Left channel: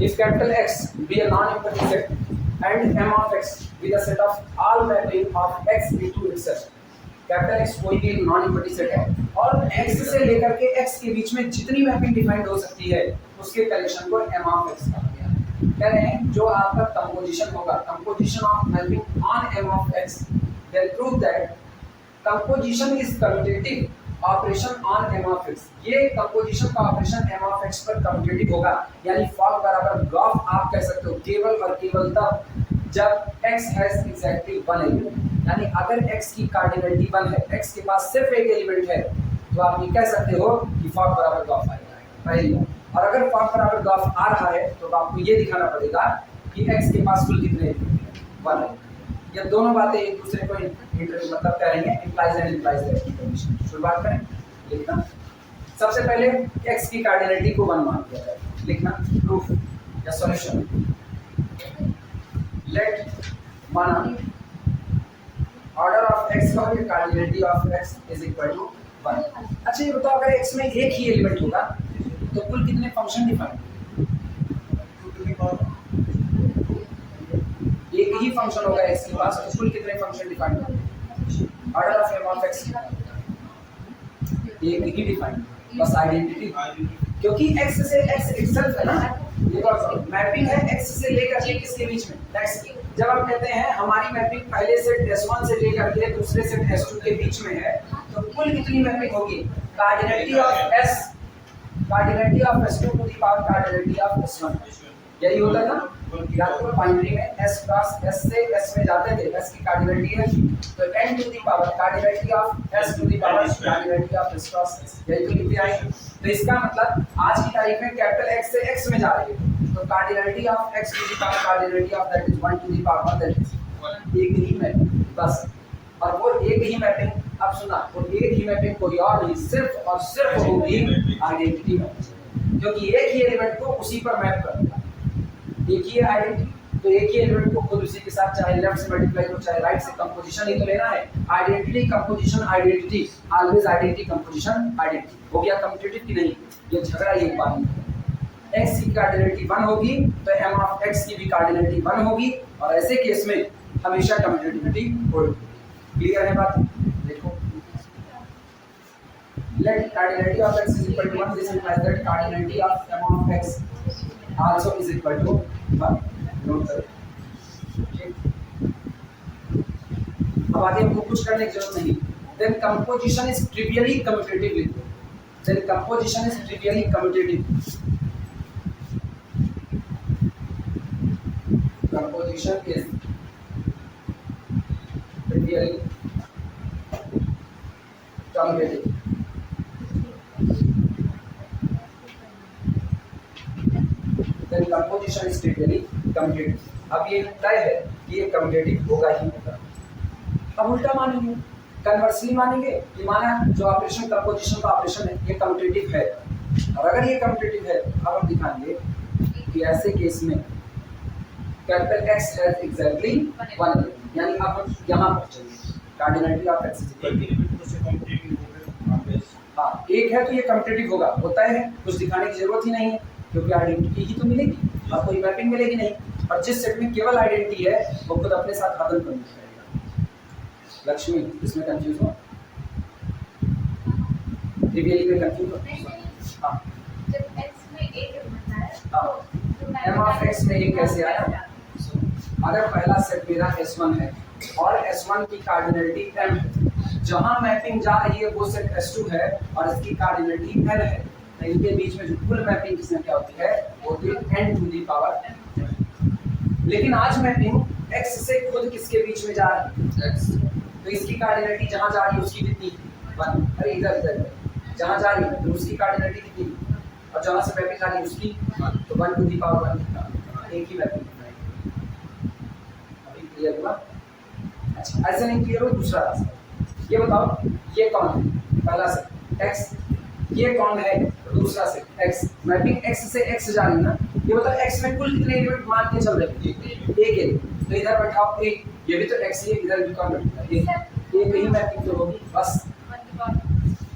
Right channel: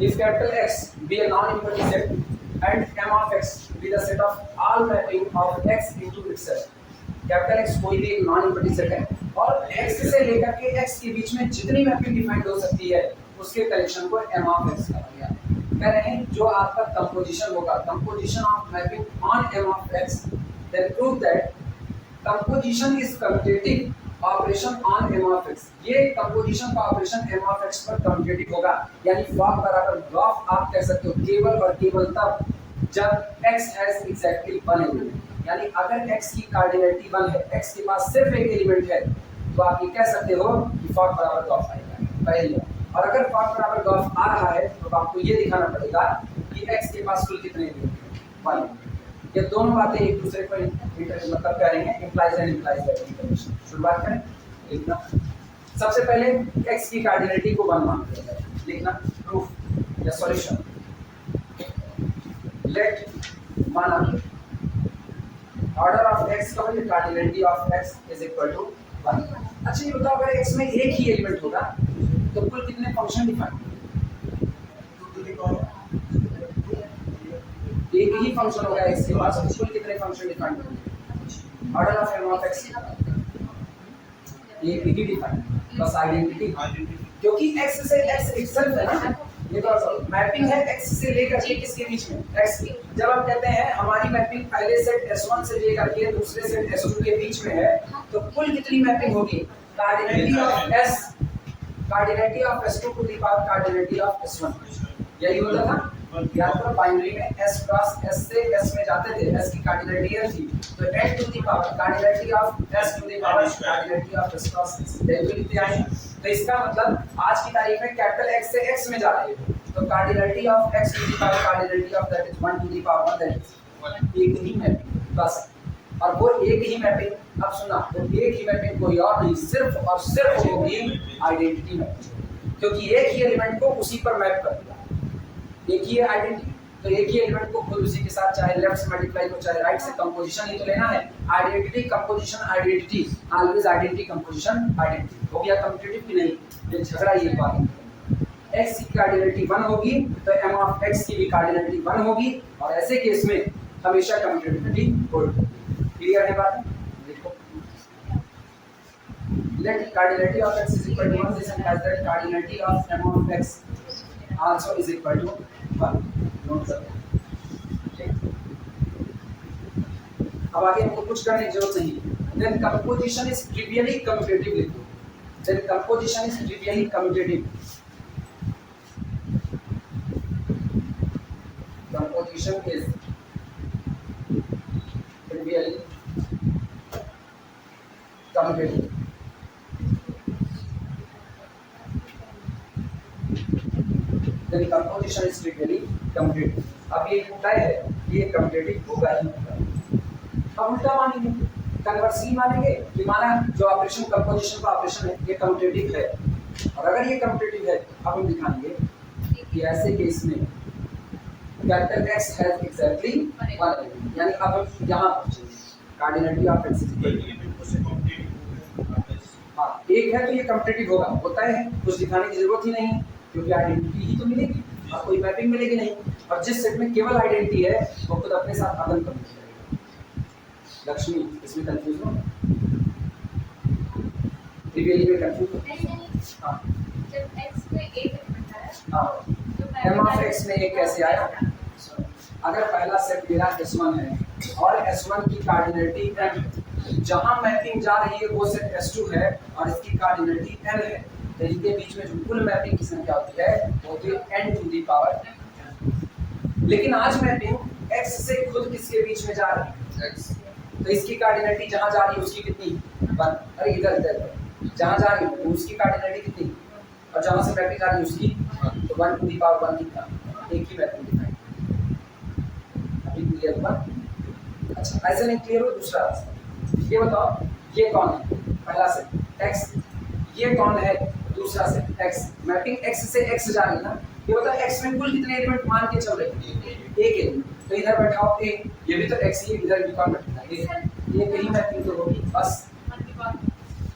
If capital X be a non-empty set and M of X be the set of all mapping of X into itself. Capital X कोई भी एक non empty set है और X से लेकर के X के बीच में जितनी मैपिंग डिफाइंड हो सकती है उसके कलेक्शन को M of X कहा गया। कह रहे हैं जो आपका कंपोजिशन होगा, composition of mapping on M of X, then prove that composition is commutative operation on M of X। ये कंपोजिशन का ऑपरेशन M of X पर कम्यूटेटिव होगा, यानी फॉग बराबर गॉफ आप कह सकते हो केवल और केवल तब जब X has exactly one element, यानी अगर X की कार्डिनलिटी 1 है, X के पास सिर्फ एक एलिमेंट है, तो आप ये कह सकते हो कि फॉग बराबर गॉफ आएगा पहली। और अगर फॉग बराबर गॉफ आ रहा है तो आपको ये दिखाना पड़ेगा कि X के पास कुल कितने एलिमेंट हैं, 1। ये दोनों बातें एक दूसरे को मतलब कह रही हैं, इंप्लाइज एंड इंप्लाइज दैट की कंडीशन। शुरुआत करें लिखना। सबसे पहले X की कार्डिनलिटी को 1 मान लिया जाए, लिखना प्रूफ या सॉल्यूशन। लेट माना ऑर्डर ऑफ X का है, cardinality of X is equal to 1। अच्छा ये बताओ अगर X में एक ही एलिमेंट होगा तो कुल कितने फंक्शन डिफाइन? एक ही फंक्शन होगा X के पास तो कुल कितने फंक्शन डिफाइन होंगे? Order of M of X एक ही डिफाइन, बस आइडेंटिटी, क्योंकि X से X इटसेल्फ है ना, ये तो मैपिंग है X से लेकर के किसके बीच में, X की। जब हम कहते हैं हमारी मैपिंग पहले सेट S1 से लेकर के दूसरे सेट S2 के बीच में है, तो कुल कितनी मैपिंग होगी? Cardinality of S, cardinality of S2 to the power cardinality of S1, यही होता था। याद करो बाइनरी में S क्रॉस S से S में जाते थे, S की कार्डिनलिटी है थी, तो n to the power cardinality of S to the power cardinality of S cross S, यही तो लिखते आए। तो इसका मतलब आज की तारीख में कैपिटल X से X में जा रही है, तो cardinality of X to the power cardinality of that is 1 to the power 1, that is एक ही मैपिंग बस। और वो एक ही मैपिंग, अब सुना, वो एक ही मैपिंग कोई और नहीं, सिर्फ और सिर्फ होगी आइडेंटिटी मैपिंग, क्योंकि एक ही एलिमेंट को उसी पर मैप कर दिया, एक ही आइडेंटिटी, तो एक ही एलिमेंट को खुद उसी के साथ चाहे लेफ्ट से मल्टीप्लाई हो चाहे राइट से, कंपोजिशन ही तो लेना है। Identity composition identity, always identity composition identity. हो गया कम्यूटेटिव कि नहीं? ये झगड़ा ये बात है। X की कार्डिनलिटी 1 होगी तो M of X की भी कार्डिनलिटी 1 होगी, और ऐसे केस में हमेशा कम्यूटेटिविटी होगी। क्लियर है बात? देखो let cardinality of X is equal to 1, this implies that cardinality of M of X also is equal to 1। Note करो। अब आगे हमको कुछ करने की जरूरत नहीं। Then composition is trivially commutative with it. Then composition is trivially commutative. Composition is trivially commutative. Then composition is trivially commutative. अब ये तय है कि ये कम्यूटेटिव होगा ही होगा। अब उल्टा मानेंगे, कन्वर्सली मानेंगे कि माना जो ऑपरेशन कंपोजिशन का ऑपरेशन है ये कम्यूटेटिव है, और अगर ये कम्यूटेटिव है अब हम दिखाएंगे कि ऐसे केस में कैपिटल X हैज एग्जैक्टली 1, यानी अब हम यहाँ पहुँचेंगे कार्डिनलिटी ऑफ X हाँ एक है तो ये कम्यूटेटिव होगा, होता है, कुछ दिखाने की जरूरत ही नहीं है, क्योंकि आइडेंटिटी ही तो मिलेगी और कोई मैपिंग मिलेगी नहीं। और जिस सेट में केवल आइडेंटिटी है वो खुद अपने साथ अदल कर जाएगा। लक्ष्मी इसमें कंफ्यूज हो, ट्रिवियली में कंफ्यूज हो। हां जब x में एक एलिमेंट है हां M of X में एक कैसे आया? अगर पहला सेट मेरा S1 है और S1 की कार्डिनलिटी M है, जहां मैपिंग जा रही है वो सेट S2 है और इसकी कार्डिनलिटी L है, तो इनके बीच में जो कुल मैपिंग की संख्या होती है वो होती है n टू द पावर। लेकिन आज मैपिंग X से खुद किसके बीच में जा रही है? X, तो इसकी कार्डिनलिटी जहां जा रही है उसकी कितनी? 1। अरे इधर इधर जहां जा रही है उसकी कार्डिनलिटी कितनी, और जहां से मैपिंग आ रही है उसकी, तो 1 टू द पावर 1 कितना? एक ही मैपिंग दिखाई। अभी क्लियर हुआ? अच्छा ऐसे नहीं क्लियर हो दूसरा रास्ता, ये बताओ ये कौन है? पहला सेट X, ये कौन है? दूसरा सेट X, मैपिंग X से X जा रही है ना, ये बताओ X में कुल कितने एलिमेंट मान के चल रहे हैं? एक एलिमेंट, तो इधर बैठाओ एक, ये भी तो X ही है, इधर भी कौन बैठेगा? एक ही मैपिंग तो होगी बस।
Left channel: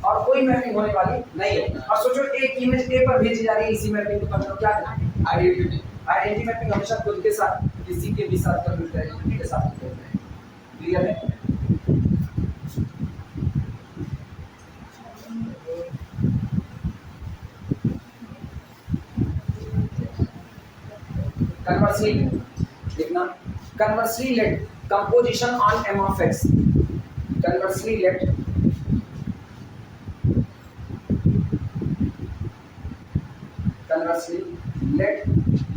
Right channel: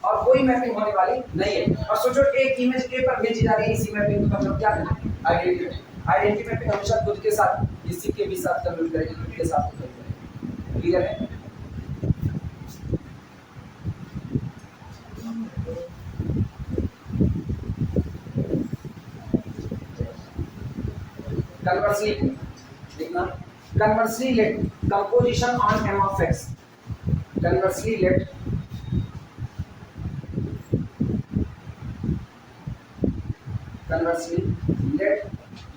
और कोई मैपिंग होने वाली नहीं है। और सोचो एक इमेज ए पर भेजी जा रही है, इसी मैपिंग को हम लोग क्या करें, आइडेंटिटी। आइडेंटिटी मैपिंग हमेशा खुद के साथ किसी के भी साथ कम्युनिकेट करेगी, खुद के साथ करेगी। क्लियर है? कन्वर्सली देखना, conversely let composition on M of X, conversely let conversely let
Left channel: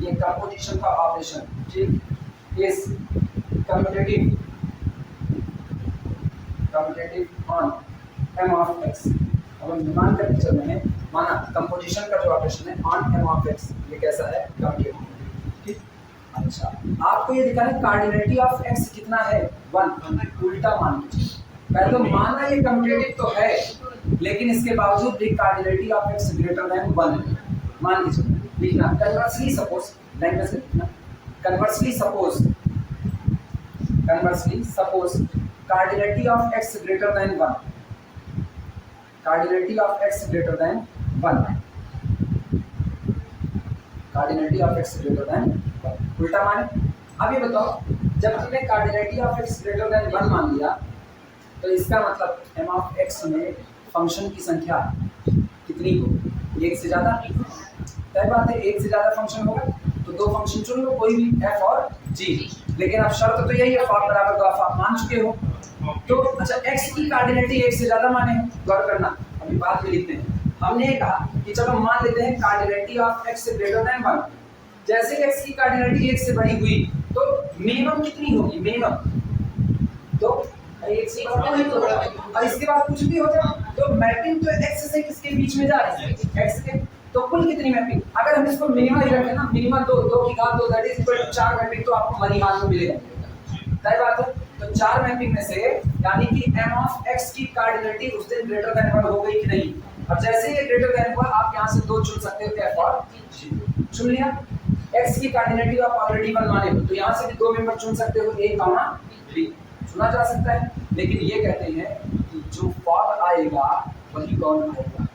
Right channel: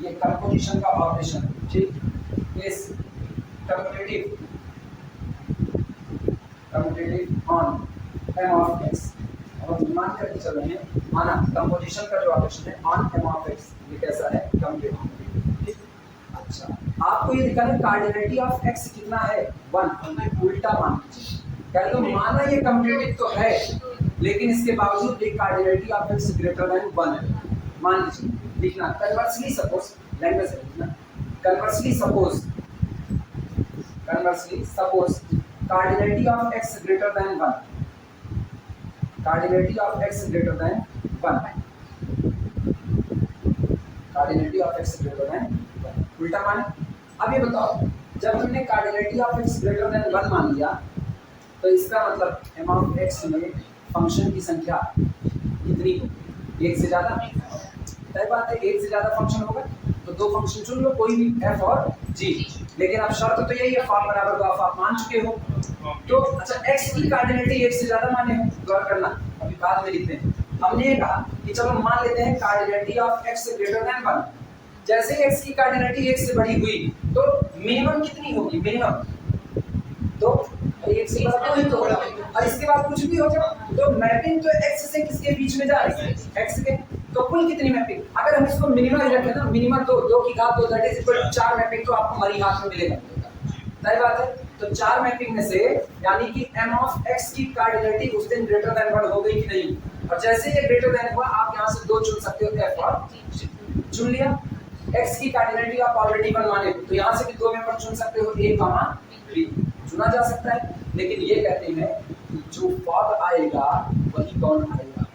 ये कंपोजिशन का ऑपरेशन, ठीक, is commutative on M of X. अब हम मान करके चल रहे हैं, माना कंपोजिशन का जो ऑपरेशन है ऑन एम ऑफ एक्स, ये कैसा है, कम्यूटेटिव। ठीक, अच्छा आपको ये दिखाना है कार्डिनलिटी ऑफ एक्स कितना है, 1। उल्टा मान लीजिए, पहले तो माना ये कम्यूटेटिव तो है, लेकिन इसके बावजूद एक cardinality of x greater than 1 है। मान लीजिए, लिखना कन्वर्सली सपोज, लैंग्वेज से लिखना, conversely suppose cardinality of x greater than 1, cardinality of x greater than 1, cardinality of x greater than 1, उल्टा मान। अब ये बताओ, जब तुमने cardinality of x greater than 1 मान लिया, तो इसका मतलब एम ऑफ एक्स में फंक्शन की संख्या कितनी होगी, एक से ज़्यादा। तय बात है, एक से ज़्यादा फंक्शन होगा तो दो फंक्शन चुन लो, कोई भी एफ और जी। लेकिन अब शर्त तो यही है, फॉर बराबर ग्राफ आप मान चुके हो। तो अच्छा, एक्स की कार्डिनलिटी एक से ज़्यादा माने, गौर करना, अभी बाद में लिखते हैं। हमने ये कहा कि चलो मान लेते हैं cardinality of x greater than 1। जैसे एक्स की कार्डिनलिटी एक से बड़ी हुई तो मिनिमम कितनी होगी, मिनिमम तो एक से बड़ा ही तो बड़ा, और इसके बाद कुछ भी हो जाए तो मैपिंग तो एक्स से किसके बीच में जा रही है, एक्स के। तो कुल कितनी मैपिंग, अगर हम इसको मिनिमम ही रखें ना, मिनिमम दो की घात 2 that is equal to 4 mapping तो आपको मरी हाथ में मिलेगा। सही बात है, तो 4 मैपिंग में से यानी कि m ऑफ x की कार्डिनलिटी उस दिन ग्रेटर देन 1 हो गई कि नहीं। और जैसे ये ग्रेटर देन हुआ, आप यहां से 2 चुन सकते हो, f और g चुन लिया। x की कार्डिनलिटी आप ऑलरेडी 1 माने हो, तो यहां से भी 2 मेंबर चुन सकते हो, a, b चुना जा सकता है। लेकिन ये कहते हैं कि जो फॉर आएगा वही कौन आएगा,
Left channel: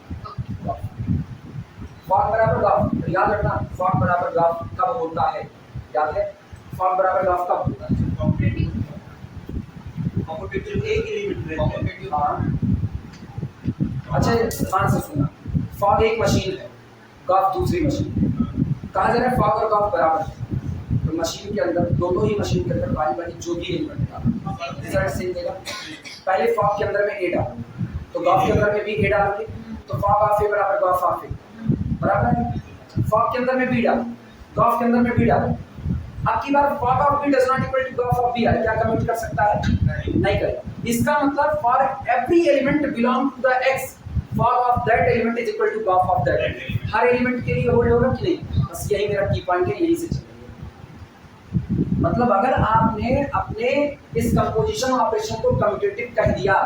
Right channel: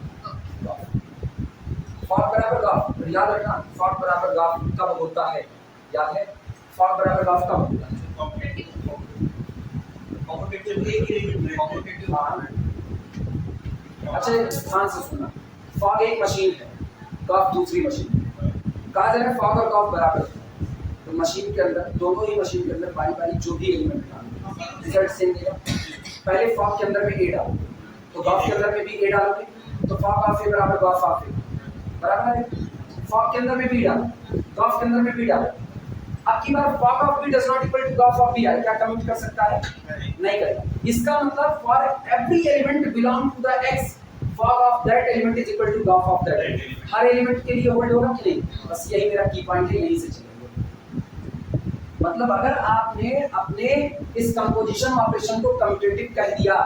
फॉर बराबर ग्राफ। याद रखना, फॉर बराबर ग्राफ कब होता है, याद है, फॉर बराबर ग्राफ कब होता है, अच्छा ध्यान से सुनना, फॉग एक मशीन है, ग्राफ दूसरी मशीन। कहा जा रहा है फॉग और ग्राफ बराबर, तो मशीन के अंदर, दोनों ही मशीन के अंदर बारी बारी जो भी एलिमेंट का रिजल्ट सेम देगा। पहले फॉग के अंदर में ए डालो, तो ग्राफ के अंदर में भी ए डालोगे, तो फॉग ऑफ ए बराबर ग्राफ ऑफ ए बराबर है। फॉग के अंदर में बी डालो, ग्राफ के अंदर में बी डालो। अब की बार fog of B does not equal to graph of B है, क्या कमिट कर सकता है, नहीं करेगा। इसका मतलब for every element belong to the X, fog of that element is equal to graph of that element. हर एलिमेंट के लिए होल्ड होगा कि नहीं, बस यही मेरा की पॉइंट है, यही से चलेंगे। मतलब अगर आपने अपने इस कंपोजिशन ऑपरेशन को कम्यूटेटिव कह दिया,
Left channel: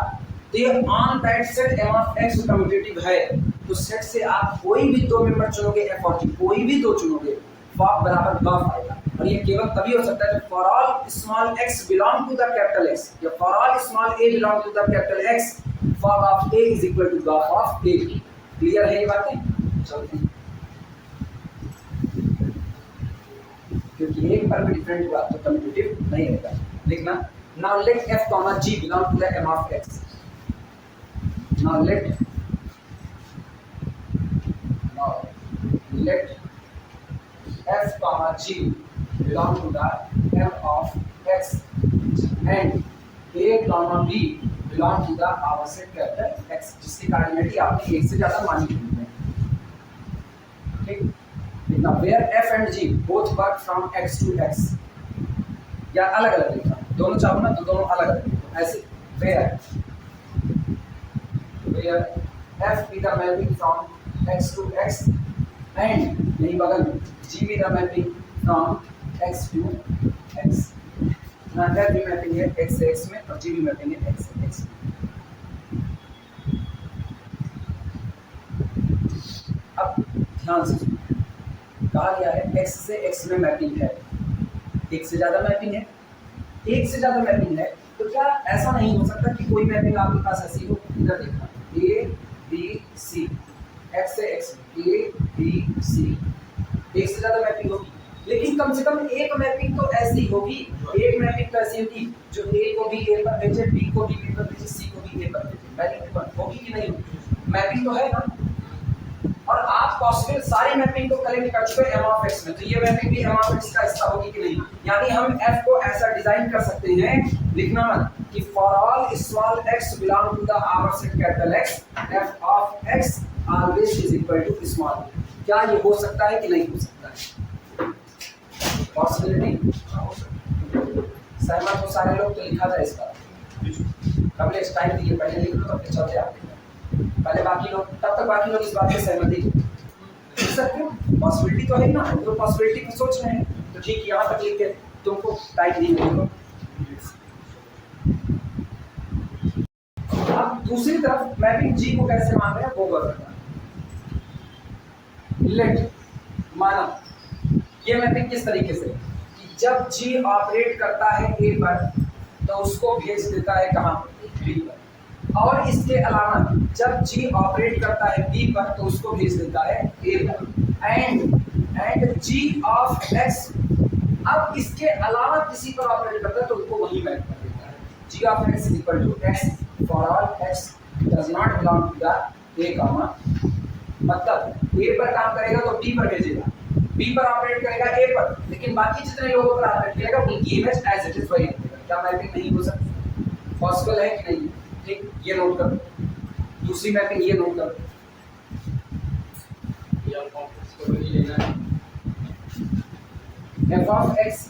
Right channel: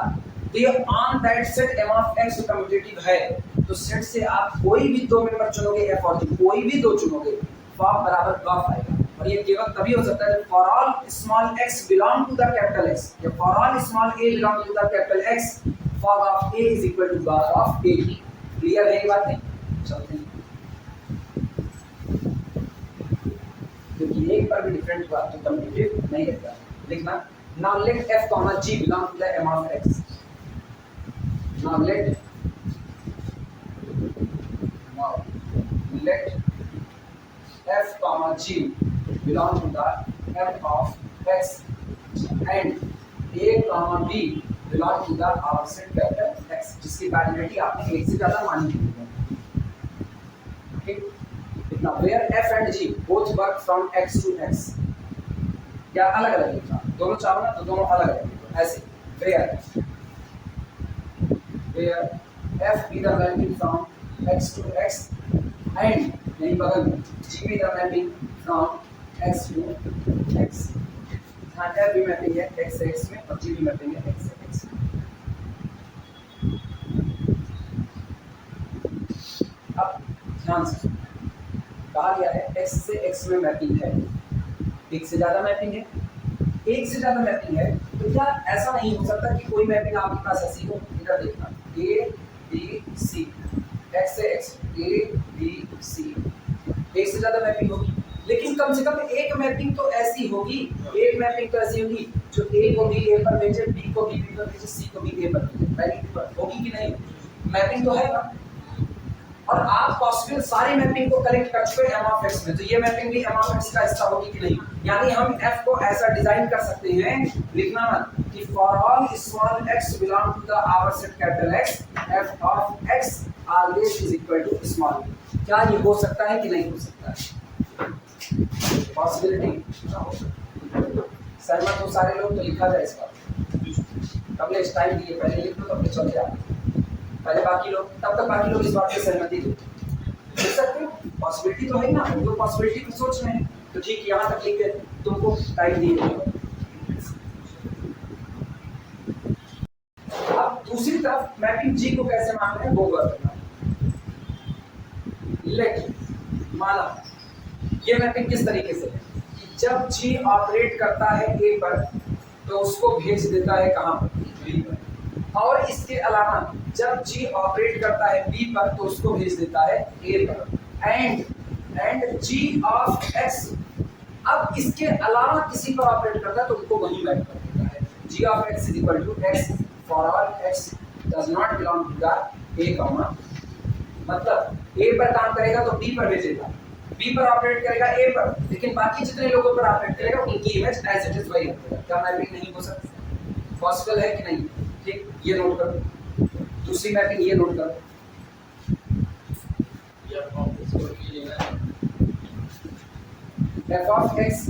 तो ये on that set m of x commutative है, तो सेट से आप कोई भी 2 मेंबर चुनोगे, f और g कोई भी 2 चुनोगे, फॉग बराबर ग्राफ आएगा। और ये केवल तभी हो सकता है जब for all small x belong to the capital x, या for all small a belong to the capital x, fog of a is equal to graph of a। Clear है ये बात है? चलते हैं, क्योंकि एक पर भी डिफरेंट हुआ तो कम्यूटेटिव नहीं रहेगा। लिखना, now let f, g belong to the m of x। Now let f comma g belong to the m of x and a comma b belong to the our set capital X, जिसकी cardinality आपने एक से ज्यादा मानी हुई है। Okay? Now where f and g both work from x to x, या अलग अलग लिखना, दोनों चाहो ना तो दोनों अलग अलग लिखो, ऐसे where f be the mapping from x to x and यही बगल में g be the mapping from x to x। यहाँ f भी मैपिंग है x से x में और g भी मैपिंग है x से x में। अब ध्यान से सुनो, कहा गया है x से x में मैपिंग है, एक से ज्यादा मैपिंग है, एक से ज्यादा मैपिंग है, तो क्या ऐसा नहीं हो सकता कि कोई मैपिंग आपके पास ऐसी हो, इधर देखना a सी, एक्स से एक्स, ए बी सी, एक से ज्यादा मैपिंग होगी, लेकिन कम से कम एक मैपिंग तो ऐसी होगी, एक मैपिंग तो ऐसी होगी जो ए को भी ए पर भेजे, बी को भी बी पर भेजे, सी को भी ए पर भेजे, राइट? होगी कि नहीं होगी? मैपिंग तो है ना। और आप पॉसिबल सारी मैपिंग को कलेक्ट कर चुके हैं एम ऑफ एक्स में, तो ये मैपिंग भी एम ऑफ एक्स का हिस्सा होगी कि नहीं? यानी हम एफ को ऐसा डिजाइन कर सकते हैं, लिखना मत, कि for all small X belong to the our set capital X, F of X always is equal to small. क्या ये हो सकता है कि नहीं हो सकता है? पॉसिबिलिटी सहमत हो सारे लोग? तो लिखा जाए इसका, पहले टाइम दिए, पहले लिख लो तो अपने चलते आप पहले बाकी लोग, तब तक बाकी लोग इस बात से सहमति लिख सकते हो। पॉसिबिलिटी तो है ना, तो पॉसिबिलिटी को सोच रहे हैं, तो ठीक यहाँ तक लिख के तुमको टाइम दी गई। अब दूसरी तरफ मैपिंग जी को कैसे मान रहे हैं वो करना। लेट माना ये मैपिंग किस तरीके से है कि जब जी ऑपरेट करता है ए पर तो उसको भेज देता है कहाँ पर? बी पर। और इसके अलावा जब जी ऑपरेट करता है बी पर तो उसको भेज देता है ए पर। एंड जी ऑफ एक्स अब इसके अलावा किसी पर ऑपरेट करता है तो उनको वही मैप कर देता है। G of x is equal to x for all x does not belong to the A comma, मतलब ए पर काम करेगा तो बी पर भेजेगा, बी पर ऑपरेट करेगा ए पर, लेकिन बाकी जितने लोगों पर ऑपरेट करेगा उनकी इमेज एज इट इज वही रहेगा। क्या मैपिंग नहीं हो सकती? पॉसिबल है कि नहीं? ठीक, ये नोट करो। दूसरी मैपिंग ये नोट करो, एफ ऑफ एक्स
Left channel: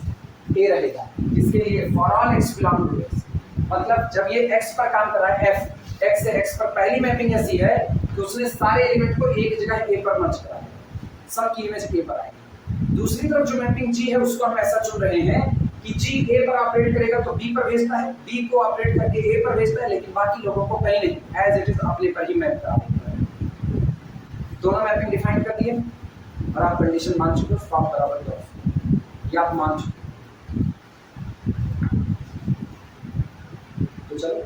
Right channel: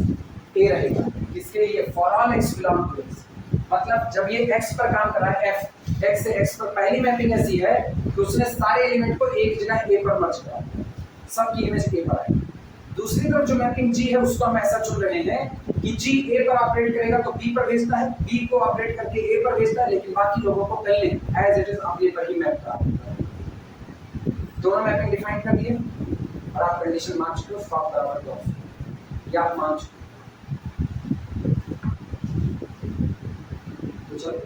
ए रहेगा किसके लिए? For all X belong to X, मतलब जब ये एक्स पर काम कर रहा है, एफ एक्स से एक्स पर, पहली मैपिंग ऐसी है कि उसने सारे एलिमेंट को एक जगह ए पर मर्ज करा, सबकी इमेज ए पर आएगी। दूसरी तरफ जो मैपिंग जी है उसको हम ऐसा चुन रहे हैं कि जी ए पर ऑपरेट करेगा तो बी पर भेजता है, बी को ऑपरेट करके ए पर भेजता है, लेकिन बाकी लोगों को पहले एज इट इज अपने पर ही मैप करा देता है। दोनों मैपिंग डिफाइन कर दिए और आप कंडीशन मान चुके हो, फॉर्म बराबर ऑफ, या आप मान चुके तो चलो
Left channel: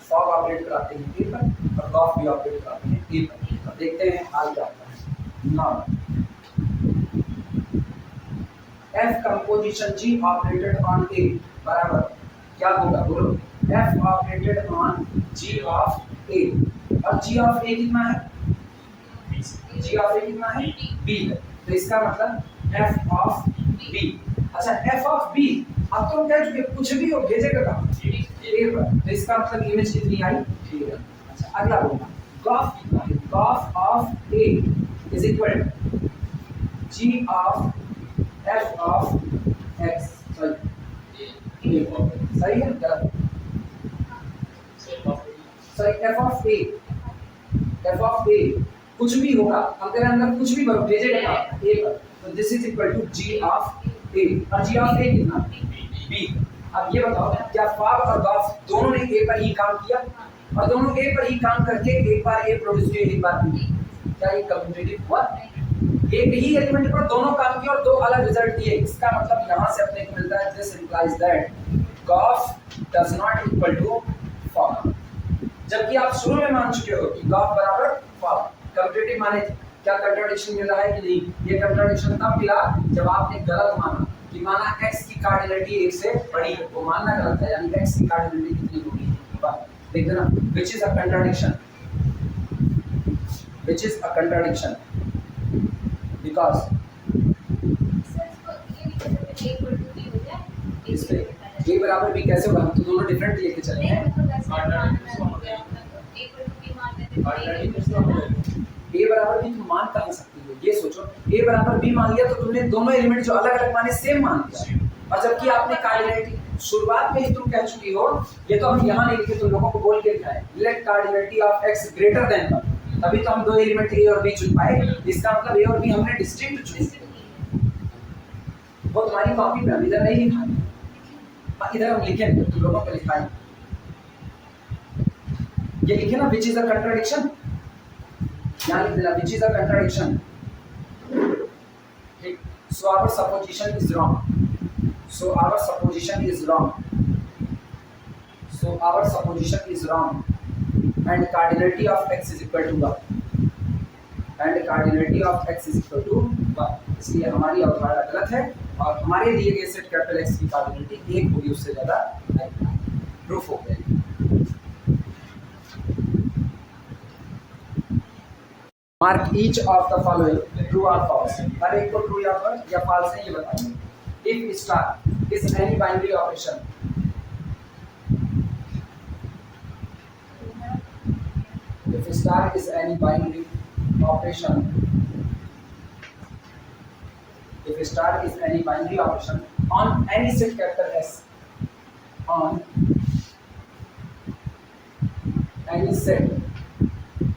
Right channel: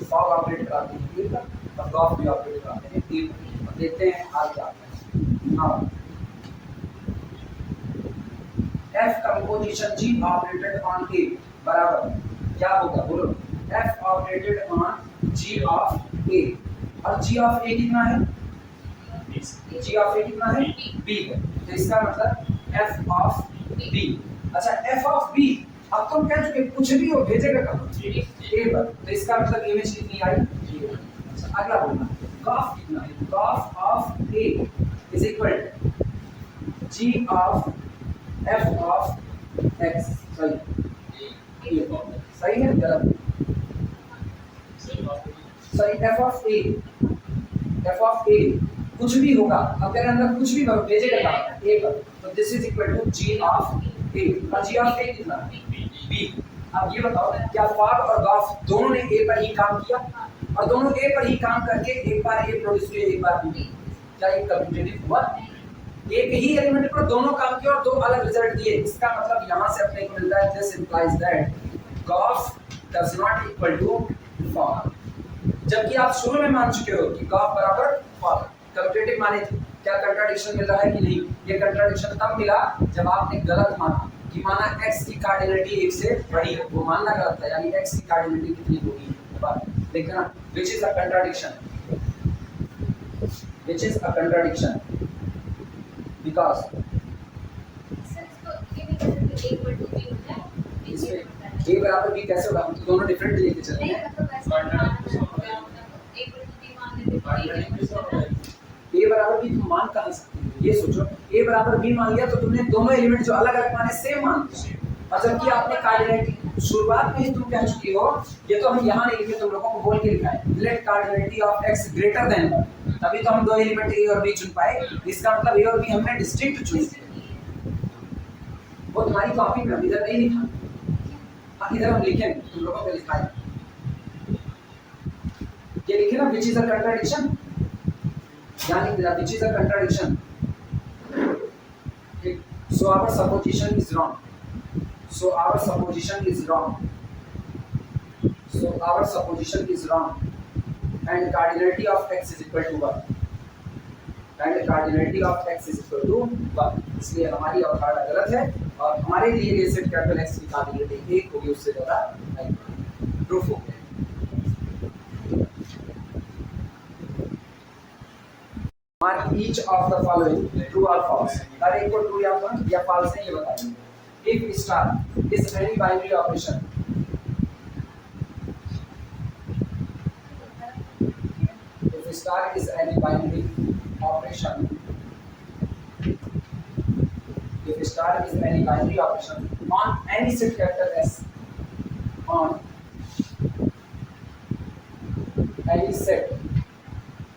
फॉग ऑपरेट कराते हैं ए पर और गॉफ भी ऑपरेट कराते हैं ए पर, और देखते हैं हाल क्या आता है। Now F composition G operated on A बराबर क्या होगा? बोलो, F operated on G of A, और G of A कितना है? G of A कितना है? B है, तो इसका मतलब F of B। अच्छा, F of B अब तुम कह चुके कुछ भी हो भेजेगा कहाँ? A पर, तो इसका मतलब इमेज कितनी आई? अच्छा, अगला बोलना, गॉफ कितना है? Gauff of A is equal G of F of x, सही है गलत? सही, F of A, F of A कुछ भी होगा, अब तेरे अंदर कुछ भी भरो भेजेगा कहाँ? A पर, तो this is equal to G of A, और G of A कितना? B। अब ये बताओ क्या फॉग और गॉफ दोनों ने A पर ही काम किया, और दोनों A पर ही काम करके एक बार A प्रोड्यूस किए एक बार B, क्या ये कम्यूटेटिव हुआ? एक ही एलिमेंट पर दोनों काम किए और दो अलग रिजल्ट दिए, इसका मतलब यहाँ से अपने को मिलता है this implies that gof does not equal to fog, जबकि आप शुरू में मान चुके हो कि गॉफ बराबर फॉग, कम्यूटेटिव माने थे। क्या कंट्राडिक्शन मिल रहा है कि नहीं? ये कंट्राडिक्शन तब मिला जब आपने गलत माना कि माना x की कार्डिनलिटी एक से बड़ी है, वो मानना गलत है, यानी x की कार्डिनलिटी कितनी होगी? देख देना, which is a contradiction, which is a contradiction because इस पे a बराबर b कैसे होगा? हम तो दोनों डिफरेंट लेके चले हैं। a बराबर b तुम मान कहाँ सकती हो? ये सोचो, a बराबर b मान लिया तो तुमने दोनों एलिमेंट जो अलग अलग माने सेम मान लिया, और जबकि आपने कार्डिनलिटी शुरुआत में ही तुम कह चुकी हो, ये तो हम यहाँ नहीं लिखे, तुम लोगों को बोल के लिखा है let cardinality of x greater than 1, तभी तो हम दो एलिमेंट a और b चुन पाए। इसका मतलब a और b हमने डिस्टिंक्ट चुने, वो तुम्हारी कॉपी में इधर नहीं लिखा, इधर हम लिखे तुम लोगों को लिखा है, ये लिखे ना which is a contradiction, यहाँ लिख दिया which is a contradiction। ठीक, so our supposition is wrong, so our supposition is wrong, so our supposition is wrong and cardinality of x is equal to 1, cardinality of x is equal to 1, इसलिए हमारी अवधारणा गलत है और हमारे दिए गए सेट कैपिटल x की कार्डिनलिटी 1 होगी, उससे ज़्यादा नहीं। प्रूफ हो गया। Mark each of the following true और फॉल्स, हर एक को ट्रू या फॉल्स है ये बताइए। If star is any binary operation, if star is any binary operation, if star is any binary operation on any set capital S, on any set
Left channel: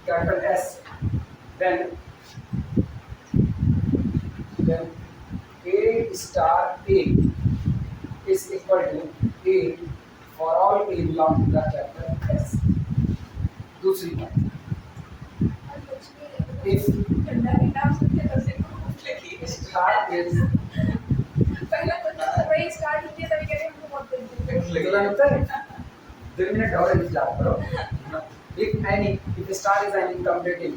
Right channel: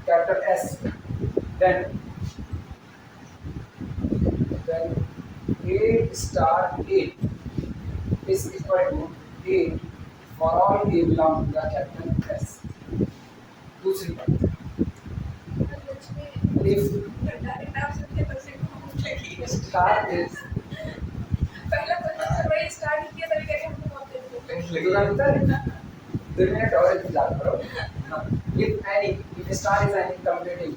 capital S, then A star A is equal to A for all A belong to the capital S. दूसरी बात, if star is पहला तो वही start किया तभी कह रहे हमको बहुत देर लगता है 2 मिनट और इंतजार करो। if star is any commutative,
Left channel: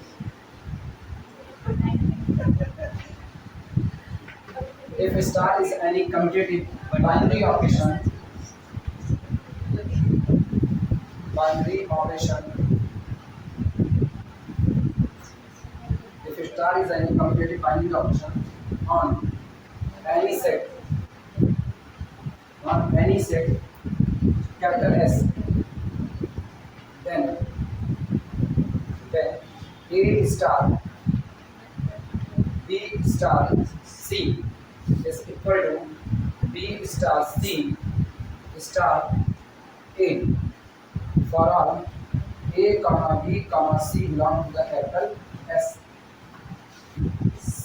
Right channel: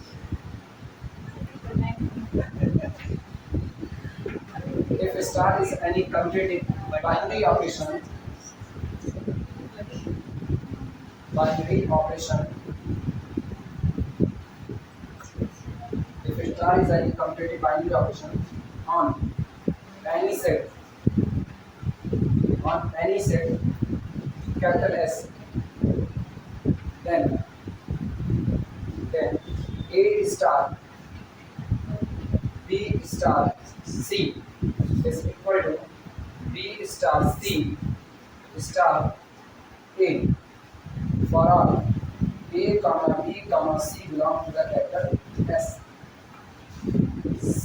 if star is any commutative binary operation, if star is any commutative binary operation on any set capital S, then A star B star C is equal to B star C star A for all A comma B comma C belong to the capital S. C.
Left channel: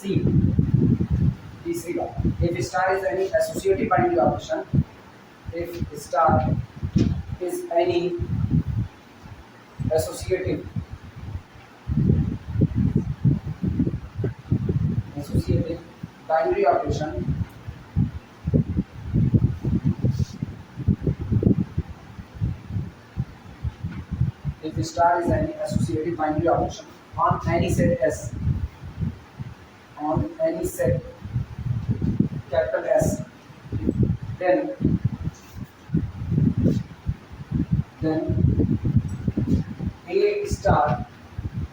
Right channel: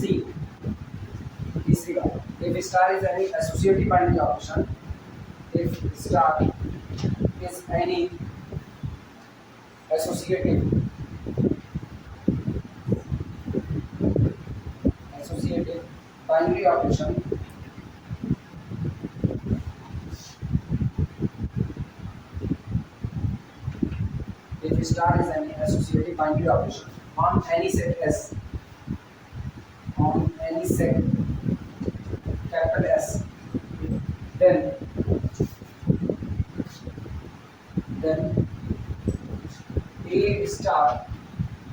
तीसरी बात, if star is any associative binary operation, if star is any associative binary operation if star is any associative binary operation on any set S, on any set capital S, then A star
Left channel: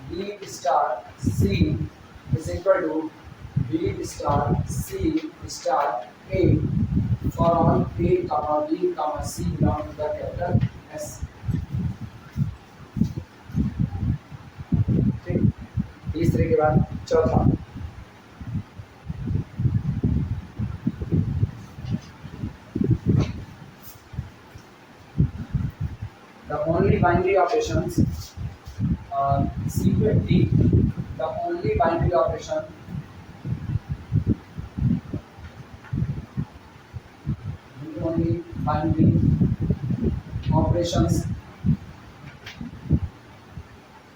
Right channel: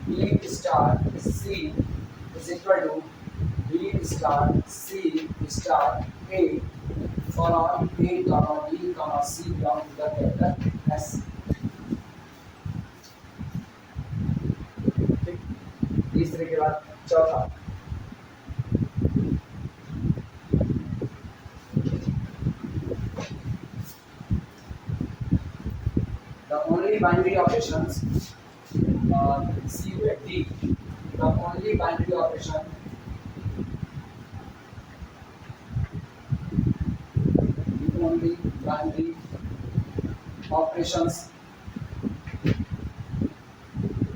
B star C is equal to B star C star A for all A comma B comma C belong to the capital S. ठीक, तीसरे के बाद चौथा, the only binary operations C with D, the only binary operation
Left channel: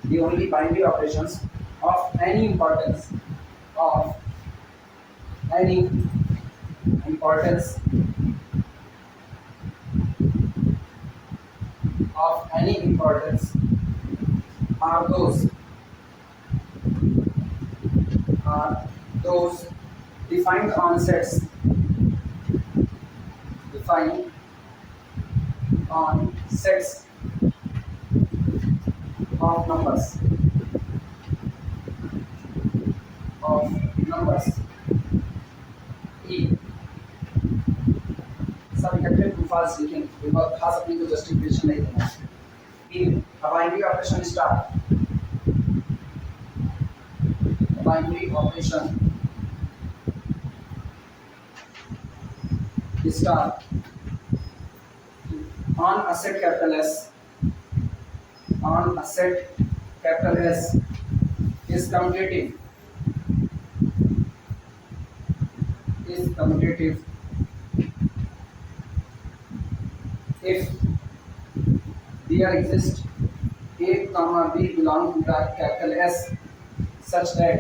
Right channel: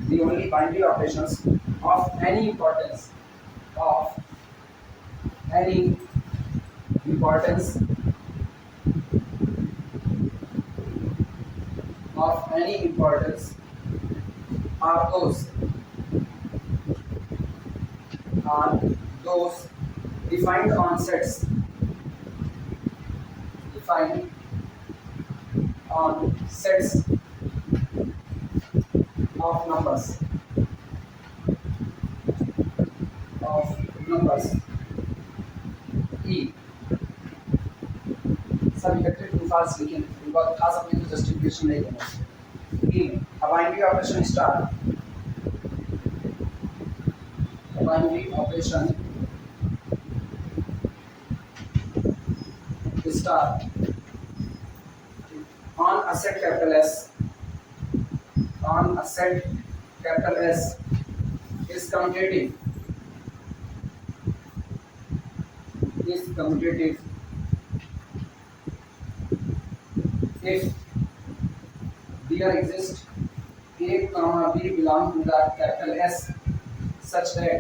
the only binary operations of any importance are those defined on sets of numbers E, सब इकट्ठे to fast लिखें, एक बार खास अपनी को जस्टिफिकेशन नहीं देना। E में binary operation star, binary operation star on a set capital S, is commutative if there exists A comma B belong to the capital S such that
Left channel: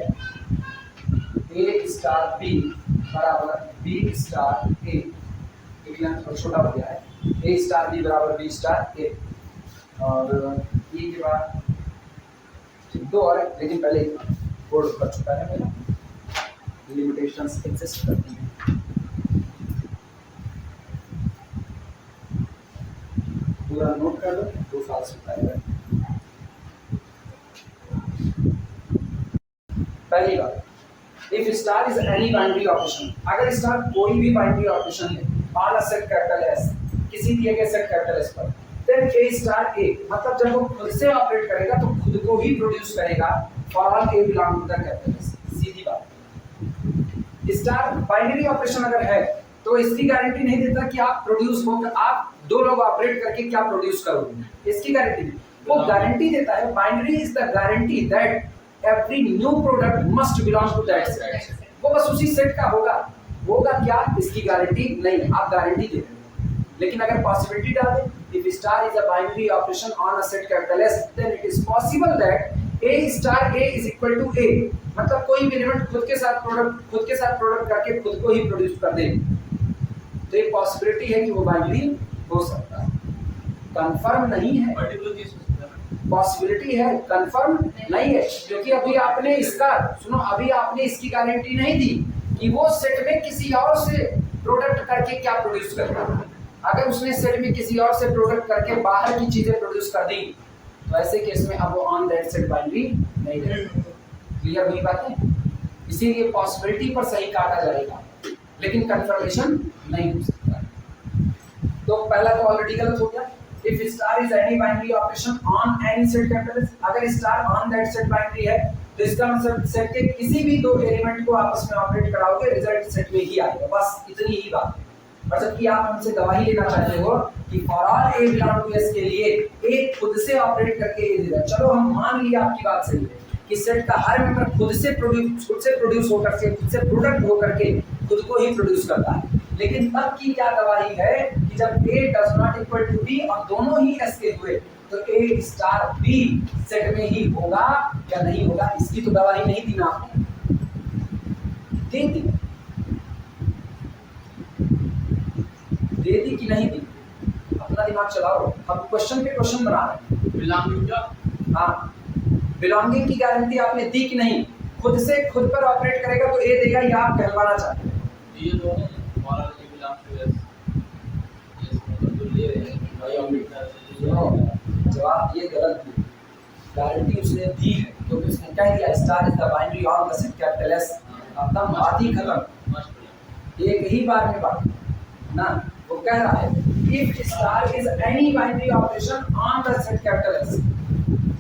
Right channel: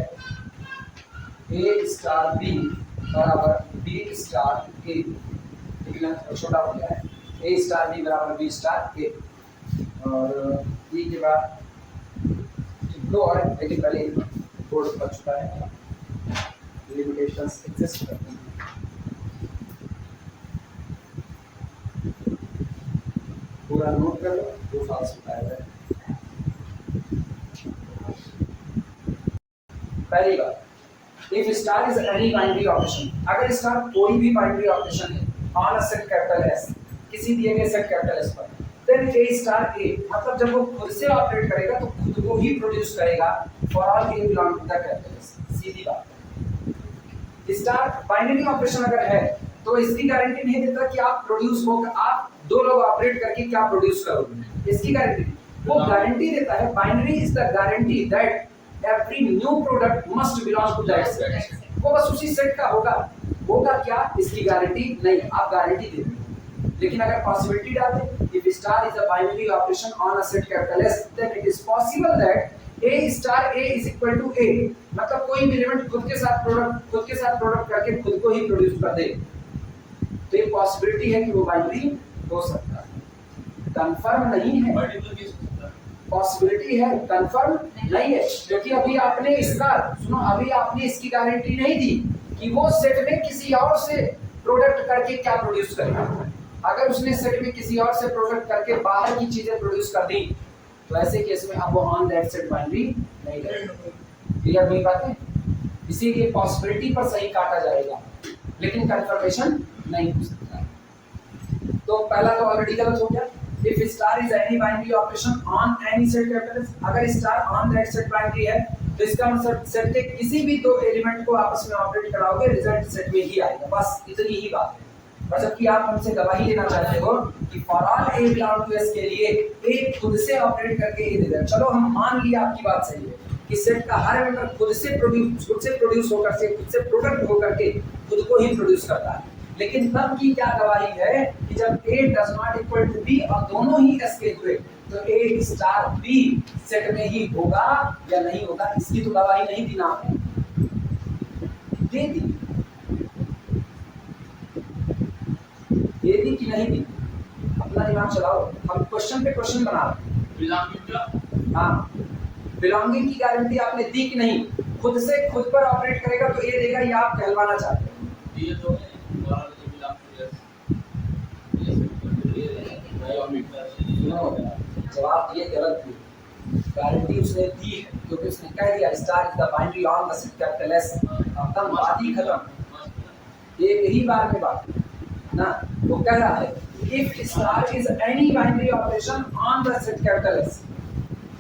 A star B बराबर B star A, equivalent छोटा हो गया है, A star B बराबर B star A, और E के बाद दो और, लेकिन पहले बोर्ड कर चुका है मेरा, लिमिटेशंस एग्जिस्ट करती हैं। पूरा नोट कर लो, 2 साल से बताया है। पहली बात, if star is any binary operation, अगर स्टार कोई भी बाइनरी ऑपरेशन है on a set capital S, किसी दिए गए सेट कैपिटल एस पर, देन ए स्टार ए, मतलब जब वो खुद से ऑपरेट करेगा तो खुद को ही प्रोड्यूस करेगा for all A belong to the capital S. सीधी बात। स्टार बाइनरी ऑपरेशन अगर है तो इसकी गारंटी नहीं देता कि आप प्रोड्यूस हो, आप 2 लोग ऑपरेट करके क्या प्रोड्यूस करोगे, इसकी गारंटी नहीं। वो गारंटी देता है, binary is the guarantee that every new product must belong to that set, वो बस उसी सेट का होगा। होगा क्या, इसकी गारंटी नहीं, आप गारंटी दे रहे हो। लेकिन अगर पॉसिबिलिटी डालते, if star is a binary operation on a set capital S, then it is possible that A star A is equal to A, मतलब कोई भी एलिमेंट खुद के साथ प्रोडक्ट करके खुद को ही प्रोड्यूस कर दे, तो ये पॉसिबिलिटी है कि वो बाइनरी हो सकता है। कंफर्म नहीं है, पॉसिबिलिटी है, कंफर्म नहीं है, क्योंकि अभी आपने इसका सुनो, अभी आपने इसकी गारंटी नहीं दी कि वो सेट में किसी और से प्रोडक्ट करके क्या प्रोड्यूस करेगा। अगर उसने सेट में किसी और से प्रोडक्ट करके बाहर की चीजें प्रोड्यूस कर दी, तो ऐसे केस में अब वो ऑन दैट सेट बाइनरी नहीं रहेगा। क्लियर हुई बातें? इसीलिए पॉसिबिलिटी पर सही काटा जाएगा, लेकिन कंफर्मेशन नहीं हो सकता। तो पहला तो ऑलरेडी गलत हो गया। If star is any binary operation on any set capital, अगर star on that set binary है तो इसका मतलब सेट के किसी भी 2 एलिमेंट को आपस में ऑपरेट कराओगे, रिजल्ट सेट में ही आएगा, बस इतनी ही बात है। और जबकि आप हमसे गवाही लेना चाहते हो कि for all A belong to S के लिए ए खुद से ऑपरेट करके ए देगा। चलो हम मान लिया आपकी बात सही है कि सेट का हर मेंबर खुद से प्रोड्यूस होकर के, खुद से प्रोडक्ट होकर के खुद को ही प्रोड्यूस करता है, लेकिन तब की क्या गवाही है कि जब a does not equal to b और दोनों ही एस के हुए, तो ए स्टार बी सेट में ही होगा या नहीं होगा, इसकी तो गवाही नहीं दी ना आपने, दे दी कि नहीं दी? अपना दिमाग चलाओ, हम क्वेश्चन पे क्वेश्चन बना रहे हैं। हाँ, बिलोंगिंग की गारंटी आपने दी कि नहीं? खुद से खुद पर ऑपरेट करेगा तो ए देगा, या आप कहलवाना चाहते हैं? ये दो है और ए बिलोंग टू एस, ये मतलब ले रहे हैं भाई ऑपरेटर। जवाब दिए गलत दी, गारंटी उसने दी है क्योंकि उसने कह दिया star is the binary on the set capital S, अपना बात ही खत्म, एक ही बार में बात ना। वो कह रहा है if star is any binary operation on the set capital S,